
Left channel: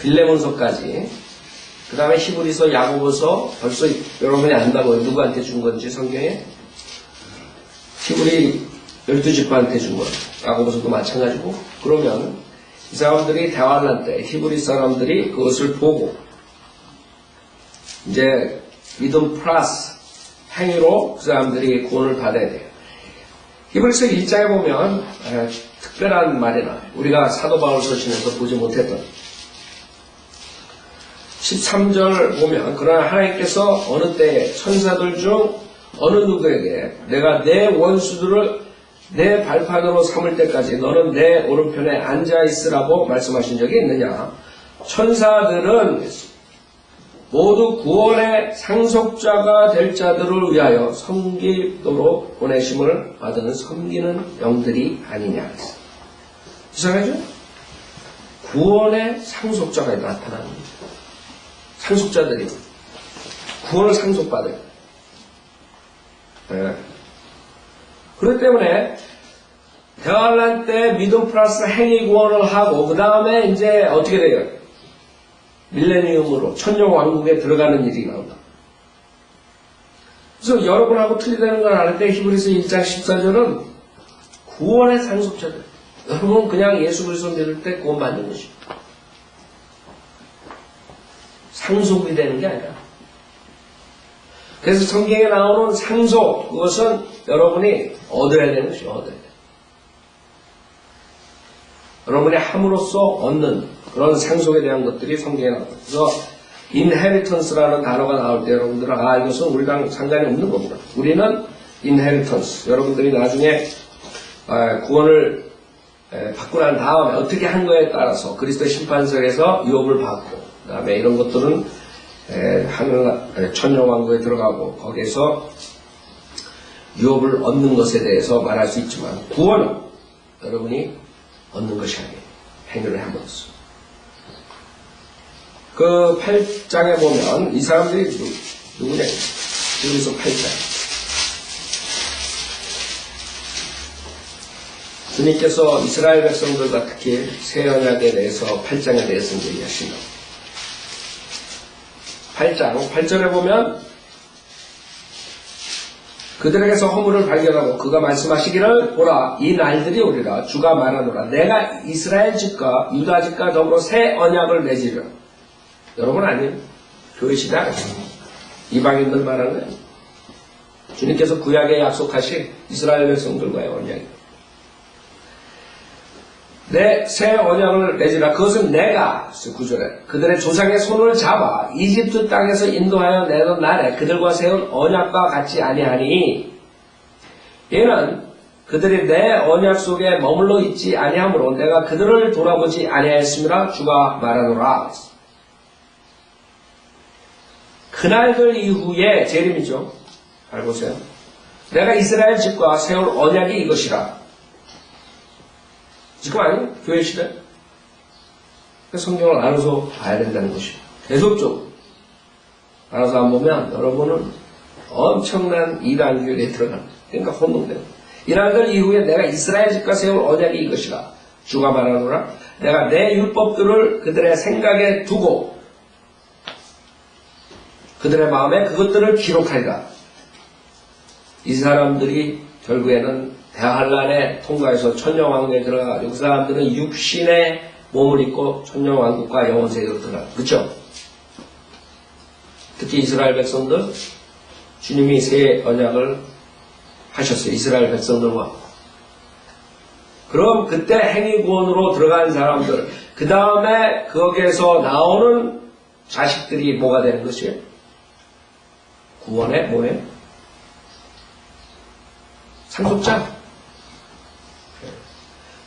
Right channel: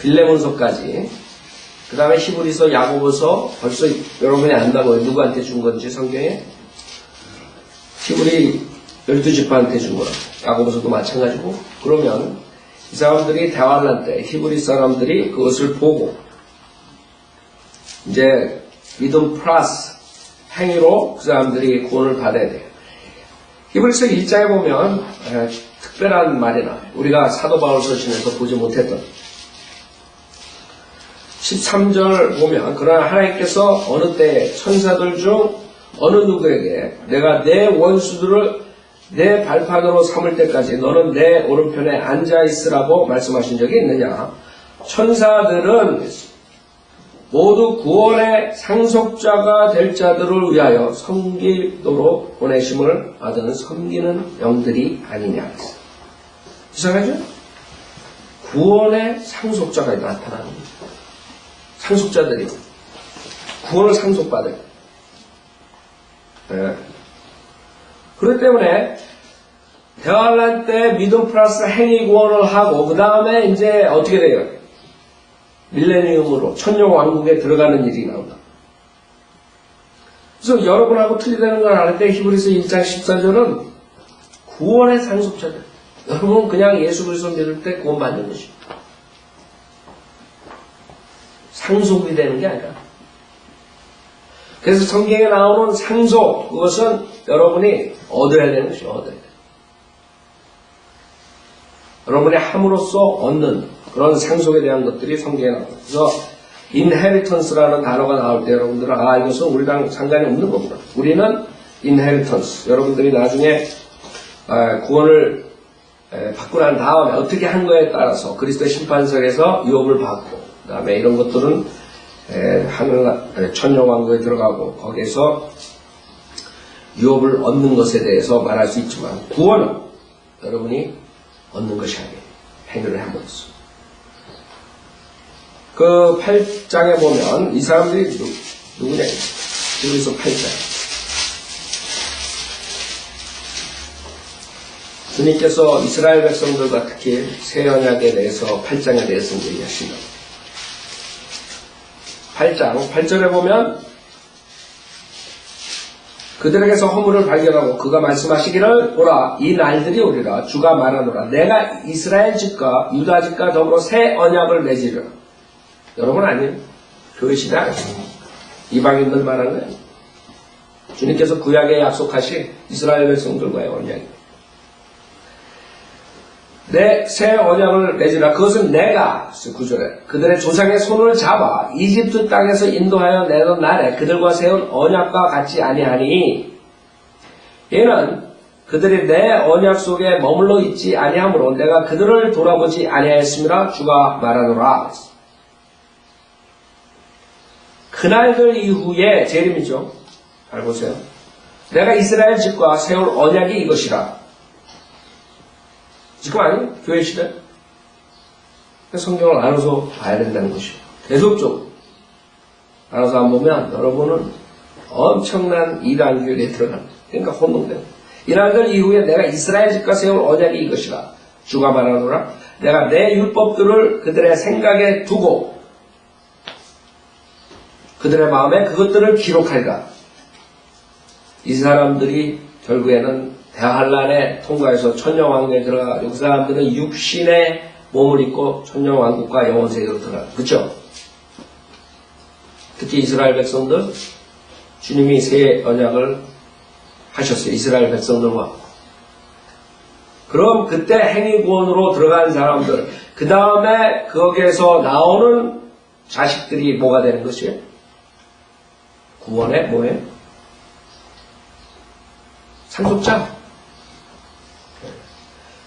빌레몬서까지 그 다음에 히브리서 야고보서 벌써 여러분이 안다고요. 누구한테 준 건지 성경에 히브리 12지파한테 준 거라고. 야고보서도 마찬가지고 그러면 이 사람들이 대화를 할 때 히브리 사람들이 그것을 보고 이제 믿음 플러스 행위로 그 사람들이 구원을 받아야 돼요. 히브리서 1장에 보면 특별한 말이 나와요. 우리가 사도 바울 서신에서 보지 못했던 13절 보면 그러나 하나님께서 어느 때 천사들 중 어느 누구에게 내가 내 원수들을 내 발판으로 삼을 때까지 너는 내 오른편에 앉아있으라고 말씀하신 적이 있느냐. 천사들은 모두 구원의 상속자가 될 자들을 위하여 섬기도록 보내심을 받은 섬기는 영들이 아니냐. 이상하죠? 구원의 상속자가 나타나는 거죠. 상속자들이 구원을 상속받아요. 네. 그렇기 때문에 대환란 때 믿음 플러스 행위 구원을 하고 그 다음에 이제 어떻게 돼요? 밀레니엄으로 천년왕국에 들어가는 일이 나온다. 그래서 여러분하고 틀리다는 걸 알 때 히브리서 1장 14절은 구원의 상속자들. 여러분은 그냥 예수 그리스도 믿을 때 구원받는 것입니다. 상속이 되는 게 아니라. 그래서 성경에 나오는 상속, 그것은 여러분이 얻어야 되는 것이죠. 얻어야 돼. 여러분이 함으로써 얻는 그런 상속에 대한 것들이 성경에 나옵니다. 그래서 inheritance라는 단어가 나올 때 여러분들은 이것은 우리랑 상관이 없는 겁니다. 우리는 inheritance, 여러분들이 나중에 구원을 받고 난 다음에 어떻게 한 거에 따라서 그리스도의 심판석에서 유업을 받고 그 다음에 이런 것들은 하늘 천년왕국에 들어가고 거기에서 유업을 얻는 것에 대해서 말할 수 있지만 구원은 여러분이 얻는 것이 아니에요. 행위를 함으로써. 그 8장에 보면 이 사람들이 누구냐? 여기서 8장. 주님께서 이스라엘 백성들과 특히 새 언약에 대해서 8장에 대해서 얘기하십니다. 8장 8절에 보면 그들에게서 허물을 발견하고 그가 말씀하시기를 보라 이 날들이 오리라 주가 말하노라 내가 이스라엘 집과 유다 집과 더불어 새 언약을 맺으려. 여러분 아니에요. 교회 시대 이방인들 말하는 거예요. 주님께서 구약에 약속하신 이스라엘 백성들과의 언약이에요. 내 새 언약을 맺으라. 그것은 내가 9절에 그들의 조상의 손을 잡아 이집트 땅에서 인도하여 내던 날에 그들과 세운 언약과 같지 아니하니 이는 그들이 내 언약 속에 머물러 있지 아니하므로 내가 그들을 돌아보지 아니하였음이라 주가 말하노라. 그날들 이후에 재림이죠. 잘 보세요. 내가 이스라엘 집과 세울 언약이 이것이라. 지금 아니에요? 교회 시대. 성경을 알아서 봐야 된다는 것이에요. 계속적으로. 알아서 안 보면 여러분은 엄청난 이단교회에 들어갑니다. 그러니까 혼동돼요. 이날들 이후에 내가 이스라엘 집과 세울 언약이 이것이라. 주가 말하노라. 내가 내 율법들을 그들의 생각에 두고 그들의 마음에 그것들을 기록하리라. 이 사람들이 결국에는 대환란에 통과해서 천년왕국에 들어가고 그 사람들은 육신의 몸을 입고 천년왕국과 영원세계로 들어가요. 그렇죠? 특히 이스라엘 백성들 주님이 새 언약을 하셨어요. 이스라엘 백성들과. 그럼 그때 행위구원으로 들어간 사람들 그 다음에 거기에서 나오는 자식들이 뭐가 되는 것이에요? 구원의 뭐예요? 상속자.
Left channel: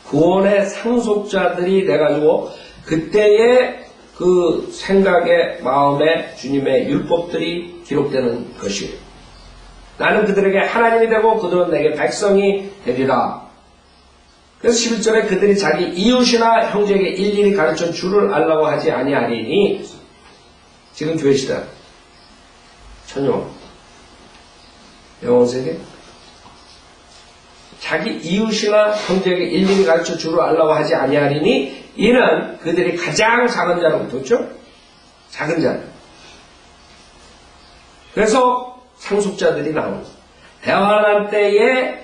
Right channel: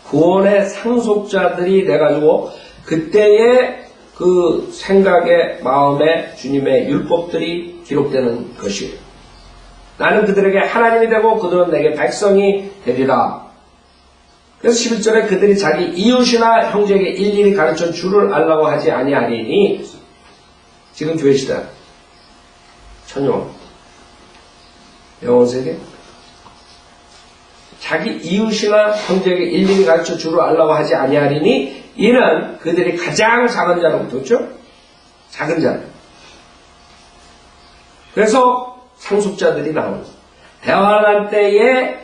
구원의 상속자들이 돼가지고 그때의 그 생각에 마음에 주님의 율법들이 기록되는 것이에요. 나는 그들에게 하나님이 되고 그들은 내게 백성이 되리라. 그래서 11절에 그들이 자기 이웃이나 형제에게 일일이 가르쳐 주를 알라고 하지 아니하리니 지금 교회 시대 천년 영원세계 자기 이웃이나 형제에게 일일이 가르쳐 주를 알라고 하지 아니하리니 이는 그들이 가장 작은 자로부터 그렇죠? 작은 자. 그래서 상속자들이 나오는 대환란 때에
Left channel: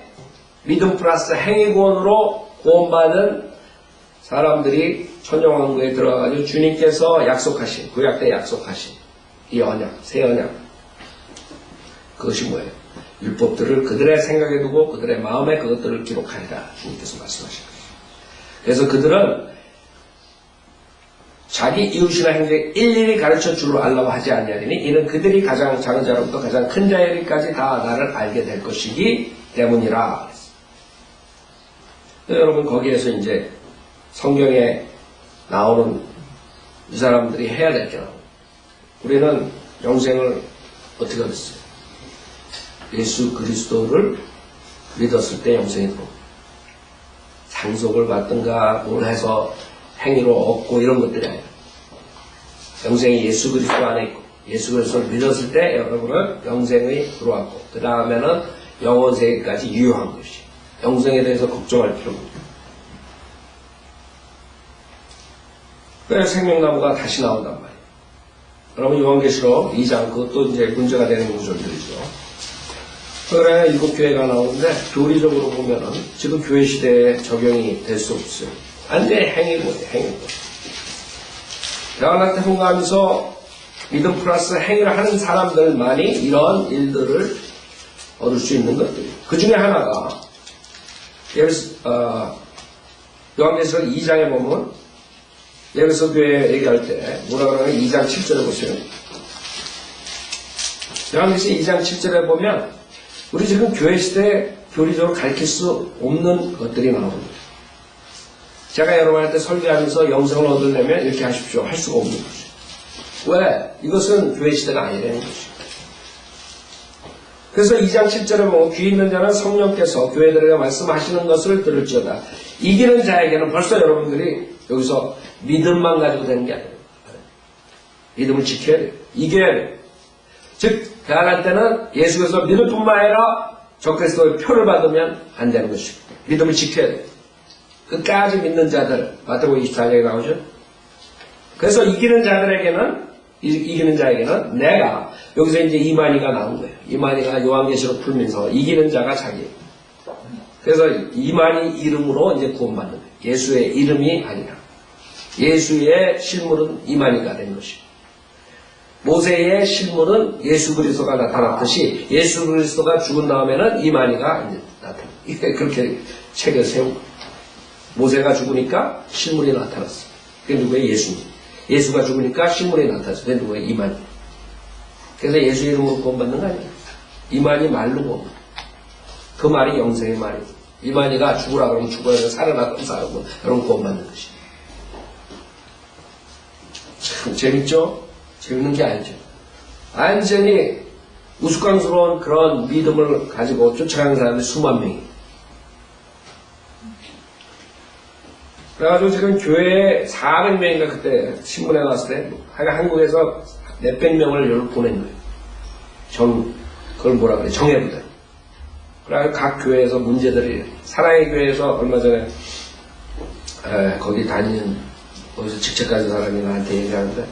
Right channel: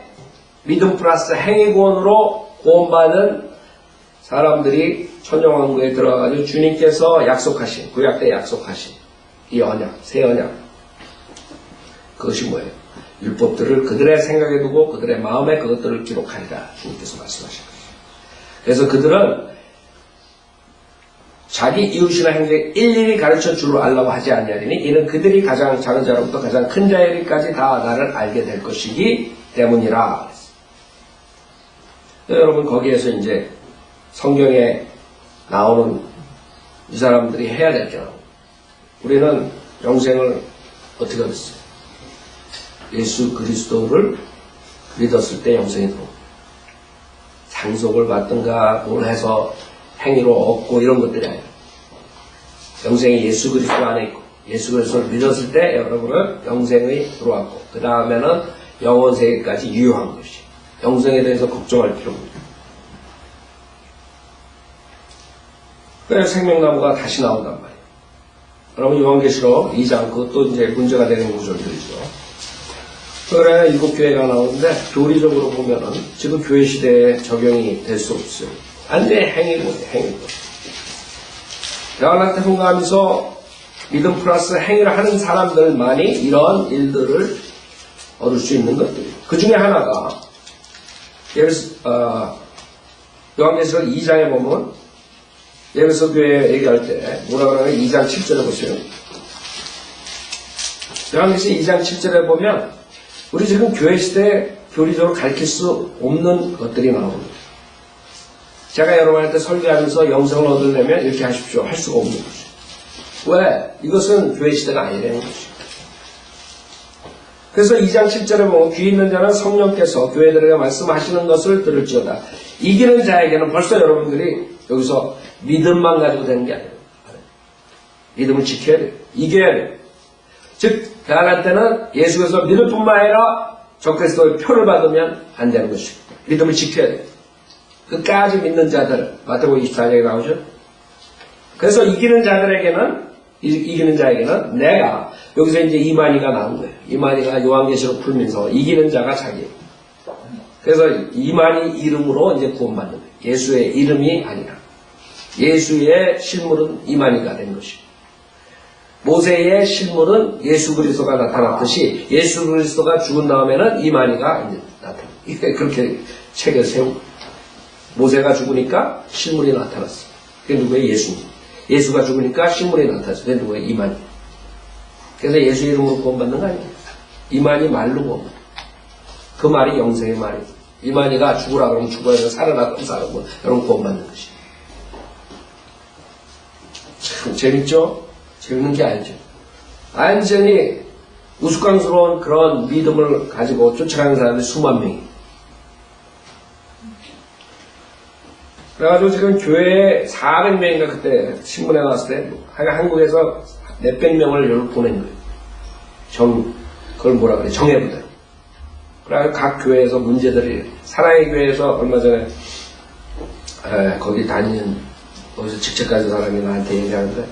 믿음 플러스 행위구원으로 구원받은 사람들이 천년왕국에 들어가가지고 주님께서 약속하신 구약 때 약속하신 이 언약, 새 언약 그것이 뭐예요? 율법들을 그들의 생각에 두고 그들의 마음에 그것들을 기록하리라 주님께서 말씀하신 것이에요. 그래서 그들은 자기 이웃이나 형제에게 일일이 가르쳐 주를 알라고 하지 않냐니 이는 그들이 가장 작은 자로부터 가장 큰 자에게까지 다 나를 알게 될 것이기 때문이라. 여러분 거기에서 이제 성경에 나오는 이 사람들이 해야 될 게 우리는 영생을 어떻게 얻었어요? 예수 그리스도를 믿었을 때 영생이 들어옵니다. 상속을 받든가 뭘 해서 행위로 얻고 이런 것들이 아니에요. 영생이 예수 그리스도 안에 있고 예수 그리스도를 믿었을 때 여러분은 영생이 들어왔고 그 다음에는 영원세계까지 유효한 것이 영생에 대해서 걱정할 필요가 없죠. 그래서 생명나무가 다시 나온단 말이에요. 여러분 요한계시록 2장 그것도 이제 문제가 되는 구절들이죠. 그래 일곱 교회가 나오는데 교리적으로 보면은 지금 교회 시대에 적용이 될 수 없어요. 완전히 행위고요, 행위고. 대화한테 통과하면서 믿음 플러스 행위를 하는 사람들만이 이런 일들을 얻을 수 있는 것들이에요. 그 중에 하나가 요한계시록 2장에 보면 예배소 교회 얘기할 때 뭐라 그러냐면 2장 7절에 보세요. 요한계시록 2장 7절에 보면 우리 지금 교회 시대에 교리적으로 가르칠 수 없는 것들이 나옵니다. 제가 여러분한테 설교하면서 영생을 얻으려면 이렇게 하십시오. 할 수가 없는 거죠. 왜? 이것은 교회 시대가 아니라는 거죠. 그래서 2장 7절에 보면 귀 있는 자는 성령께서 교회들에게 말씀하시는 것을 들을지어다. 이기는 자에게는 벌써 여러분들이 여기서 믿음만 가지고 되는 게 아니에요. 믿음을 지켜야 돼요. 이겨야 돼요. 즉 대안할 때는 예수께서 믿을 뿐만 아니라 적그리스도의 표를 받으면 안 되는 것이고 믿음을 지켜야 돼요. 끝까지 믿는 자들 마태복음 24장에 나오죠. 그래서 이기는 자에게는 내가 여기서 이제 이만희가 나온 거예요. 이만희가 요한계시록 풀면서 이기는 자가 자기예요. 그래서 이만희 이름으로 이제 구원받는 거예요. 예수의 이름이 아니라 예수의 실물은 이만희가 된 것이고 모세의 실물은 예수 그리스도가 나타났듯이 예수 그리스도가 죽은 다음에는 이만희가 이제 나타납니다. 이게 그렇게 책을 세우고 모세가 죽으니까 실물이 나타났어. 그게 누구예요? 예수님. 예수가 죽으니까 실물이 나타났어. 그게 누구예요? 이만희. 그래서 예수 이름으로 구원받는 거 아니에요. 이만희 말로 구원. 그 말이 영생의 말이에요. 이만희가 죽으라 그러면 죽어야 되고 살아라 그러면 살아고 여러분 구원받는 것이. 참 재밌죠? 재밌는 게 아니죠. 완전히 우스꽝스러운 그런 믿음을 가지고 쫓아가는 사람들이 수만 명이. 그래가지고 지금 교회에 400명인가 그때 신문에 나왔을 때 한국에서 몇백 명을 여기로 보낸 거예요. 그걸 뭐라 그래? 정예부대. 그래가지고 각 교회에서 문제들이 사랑의 교회에서 얼마 전에 거기 다니는 거기서 직책 가진 사람이 나한테 얘기하는데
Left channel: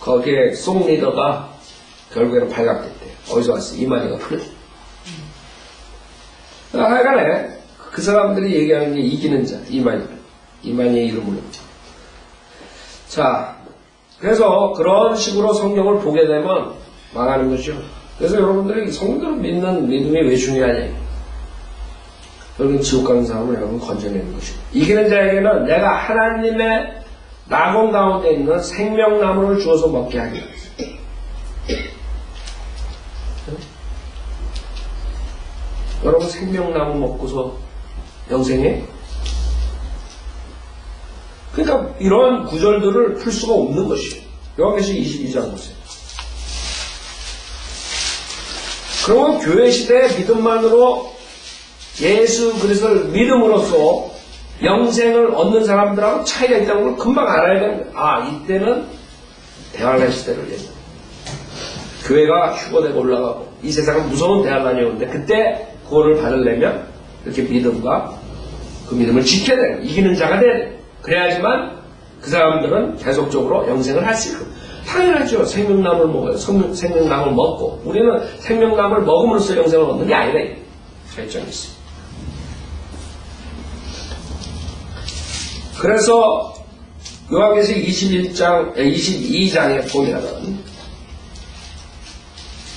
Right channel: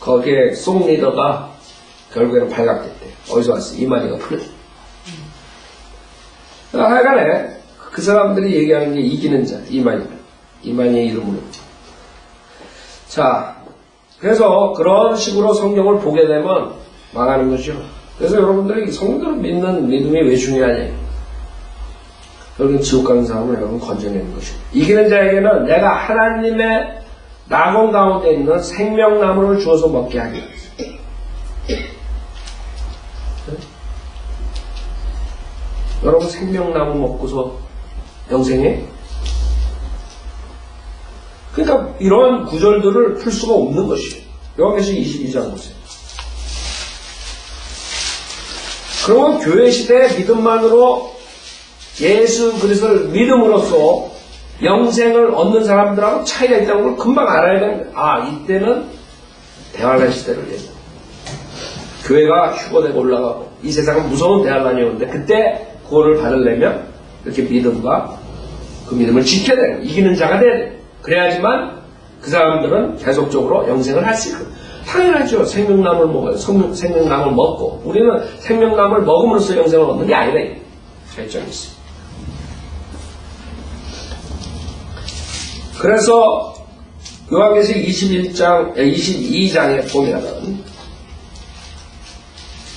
거기에 송 리더가 결국에는 발각됐대요. 어디서 왔어? 이만희가 풀렸어. 하여간에 그 사람들이 얘기하는 게 이기는 자, 이만희의 이름으로. 자, 그래서 그런 식으로 성경을 보게 되면 망하는 거죠. 그래서 여러분들이 성경을 믿는 믿음이 왜 중요하냐. 결국 지옥 가는 사람을 여러분 건져내는 것이고 이기는 자에게는 내가 하나님의 낙원 가운데 있는 생명나무를 주어서 먹게 하리라. 여러분 생명나무 먹고서 영생해? 그러니까 이런 구절들을 풀 수가 없는 것이에요. 요한계시록 22장 보세요. 그러면 교회 시대의 믿음만으로 예수 그리스도를 믿음으로써 영생을 얻는 사람들하고 차이가 있다는 걸 금방 알아야 됩니다. 이때는 대환란 시대를 얘기합니다. 교회가 휴거되고 올라가고 이 세상은 무서운 대환란이 오는데 그때 구원을 받으려면 이렇게 믿음과 그 믿음을 지켜야 돼요. 이기는 자가 돼야 돼요. 그래야지만 그 사람들은 계속적으로 영생을 할 수 있고 당연하죠. 생명나무를 먹어요. 생명나무를 먹고 우리는 생명나무를 먹음으로써 영생을 얻는 게 아니라 차이점이 있어요. 그래서 요한계시록 22장에 보면은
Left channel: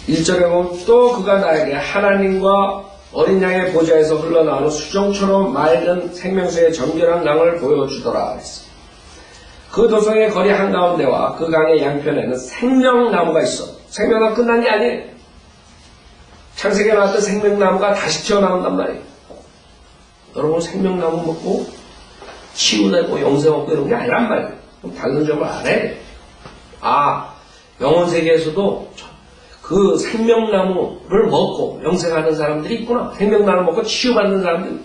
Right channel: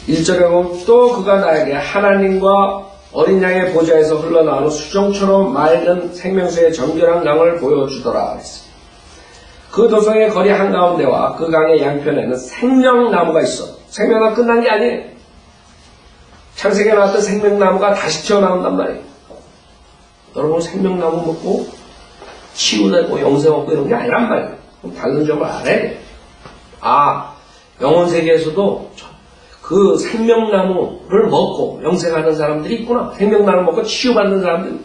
1절에 보면 또 그가 나에게 하나님과 어린 양의 보좌에서 흘러나오는 수정처럼 맑은 생명수의 정결한 강을 보여주더라 그랬어요. 그 도성의 거리 한가운데와 그 강의 양편에는 생명나무가 있어. 생명나무 끝난 게 아니에요. 창세기에 나왔던 생명나무가 다시 튀어나온단 말이에요. 여러분 생명나무 먹고 치유되고 영생 얻고 이런 게 아니란 말이에요. 다른 점을 알아야 돼요. 영혼 세계에서도 그 생명나무를 먹고 영생하는 사람들이 있구나. 생명나무를 먹고 치유받는 사람들이.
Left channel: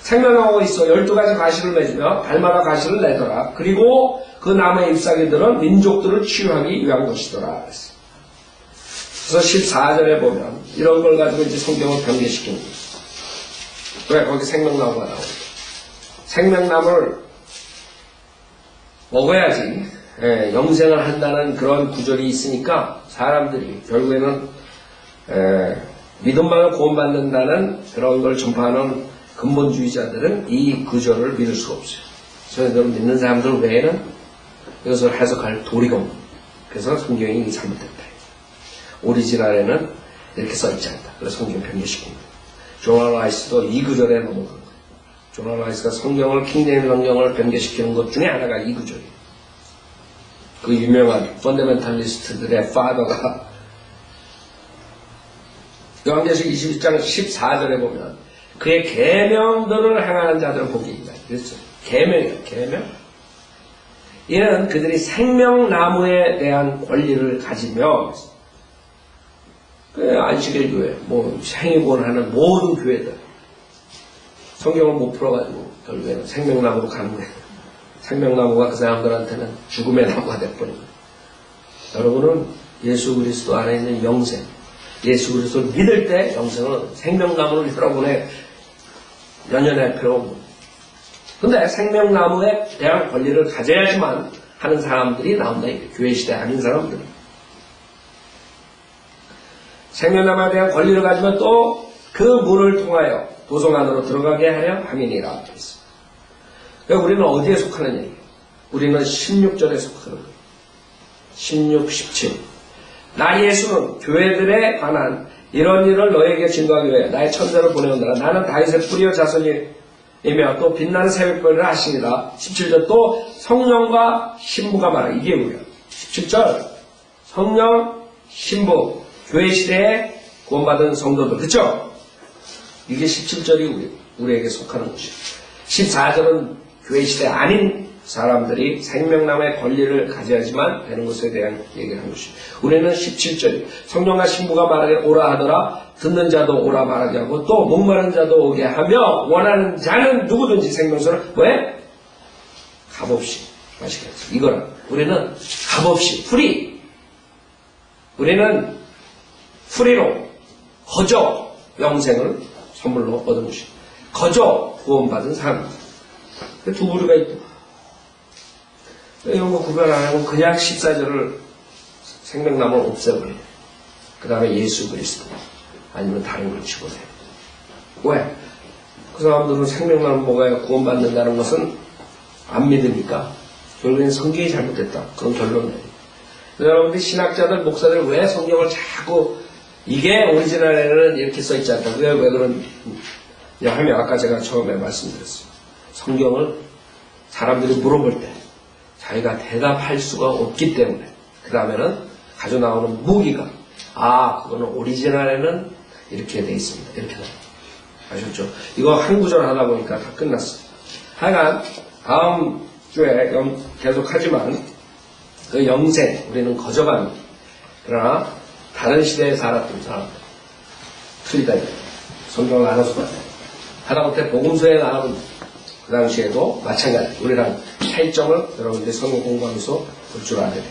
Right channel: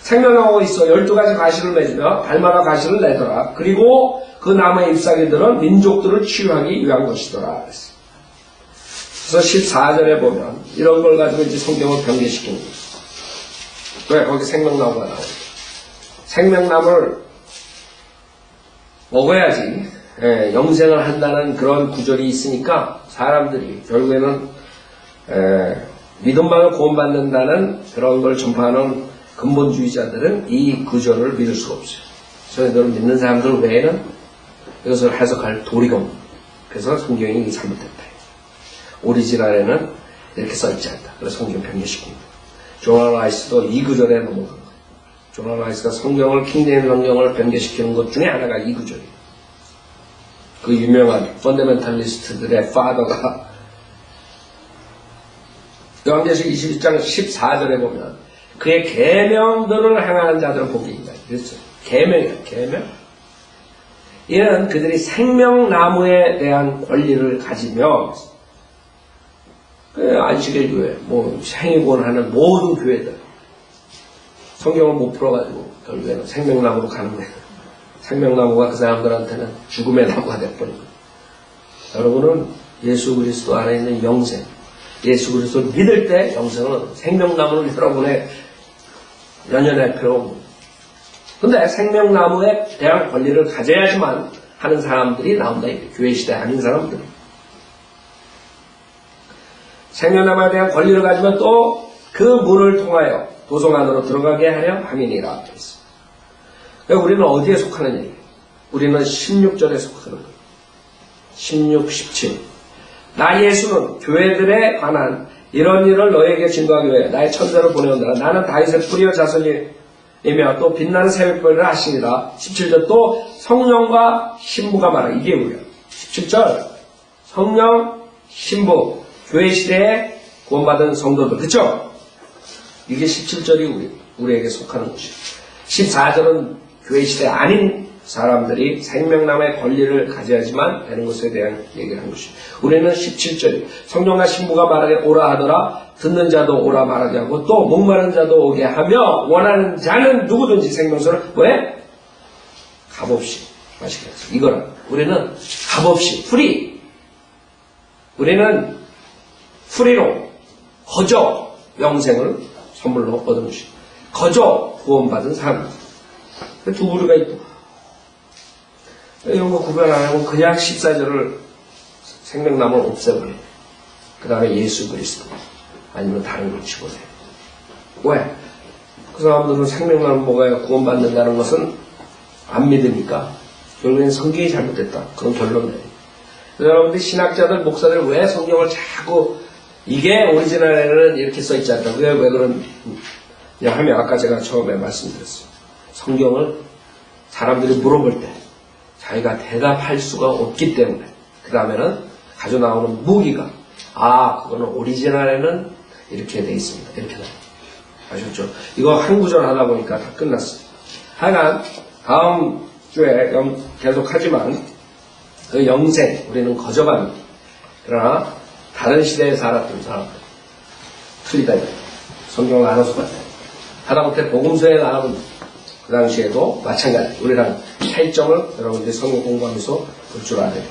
생명나무가 있어. 12가지 가시를 맺으며 달마다 가시를 내더라. 그리고 그 나무의 잎사귀들은 민족들을 치유하기 위한 것이더라. 그래서 14절에 보면 이런 걸 가지고 이제 성경을 변개시키는 거예요. 왜? 거기 생명나무가 나오죠. 생명나무를 먹어야지 영생을 한다는 그런 구절이 있으니까 사람들이 결국에는 믿음만을 구원받는다는 그런 걸 전파하는 근본주의자들은 이 구절을 믿을 수가 없어요. 저희들은 믿는 사람들 외에는 이것을 해석할 도리가 없는 거예요. 그래서 성경이 잘못됐다. 오리지널에는 이렇게 써있지 않다. 그래서 성경 변개시킨 거예요. 조나 라이스도 이 구절에 넘어간 거예요. 조나 라이스가 성경을 킹제임스 성경을 변개시키는 것 중에 하나가 이 구절이에요. 그 유명한 펀더멘탈리스트들의 파더가 요한계시록 21장 14절에 보면 그의 계명들을 행하는 자들은 복이 있다. 그랬어요. 계명이에요. 계명. 이는 그들이 생명나무에 대한 권리를 가지며 안식일 교회, 행위구원하는 모든 교회들 성경을 못 풀어가지고 결국에는 생명나무로 가는 거예요. 생명나무가 그 사람들한테는 죽음의 나무가 돼버린 거예요. 여러분은 예수 그리스도 안에 있는 영생, 예수 그리스도를 믿을 때 영생은 생명나무를 여러분의 연연할 필요 없는 거예요. 근데 생명나무에 대한 권리를 가져야지만 하는 사람들이 나온다. 교회 시대 아닌 사람들이. 생명나무에 대한 권리를 가지면 또 그 문을 통하여 도성 안으로 들어가게 하려 함이니라. 그러니까 우리는 어디에 속하는 얘기예요? 우리는 16절에 속하는 거예요. 16, 17. 나 예수는 교회들에 관한 이런 일을 너에게 증거하기 위해 나의 천사를 보내온다. 나는 다윗의 뿌리와 자손이며 또 빛나는 새벽별을 하시니라. 17절 또 성령과 신부가 말하. 이게 우리야. 17절 성령, 신부, 교회 시대에 구원받은 성도들. 그쵸? 이게 17절이 우리에게 속하는 것이에요. 14절은 교회 시대 아닌 사람들이 생명나무의 권리를 가져야지만 되는 것에 대한 얘기를 한 것이에요. 우리는 17절이 성령과 신부가 말하게 오라 하더라. 듣는 자도 오라 말하게 하고 또 목마른 자도 오게 하며 원하는 자는 누구든지 생명수를 왜? 값없이 마시게 하죠. 이거는 우리는 값없이 프리. 우리는 프리로 거저 영생을 선물로 얻은 것이에요. 거저 구원받은 사람. 두 부류가 있다. 이런 거 구별 안 하고 그냥 14절을 생명나무를 없애버려요. 그 다음에 예수 그리스도 아니면 다른 걸 집어내요. 왜? 그 사람들은 생명나무 먹어야 구원받는다는 것은 안 믿으니까 결국엔 성경이 잘못됐다. 그런 결론을 내요. 여러분들 신학자들, 목사들 왜 성경을 자꾸 이게 오리지널에는 이렇게 써있지 않다. 왜 그런 하면 아까 제가 처음에 말씀드렸어요. 성경을 사람들이 물어볼 때 자기가 대답할 수가 없기 때문에 그 다음에는 가져 나오는 무기가 그거는 오리지널에는 이렇게 돼 있습니다. 이렇게 나와요. 아셨죠? 이거 한 구절 하다 보니까 다 끝났어요. 하여간 다음 주에 계속 하지만 그 영생 우리는 거저갑니다. 그러나 다른 시대에 살았던 사람들 틀리다 이거예요. 성경을 알아서 봐요. 하다못해 복음서에 나오는 그 당시에도 마찬가지 우리랑 차이점을 여러분들이 성경 공부하면서 볼 줄 알아야 돼요.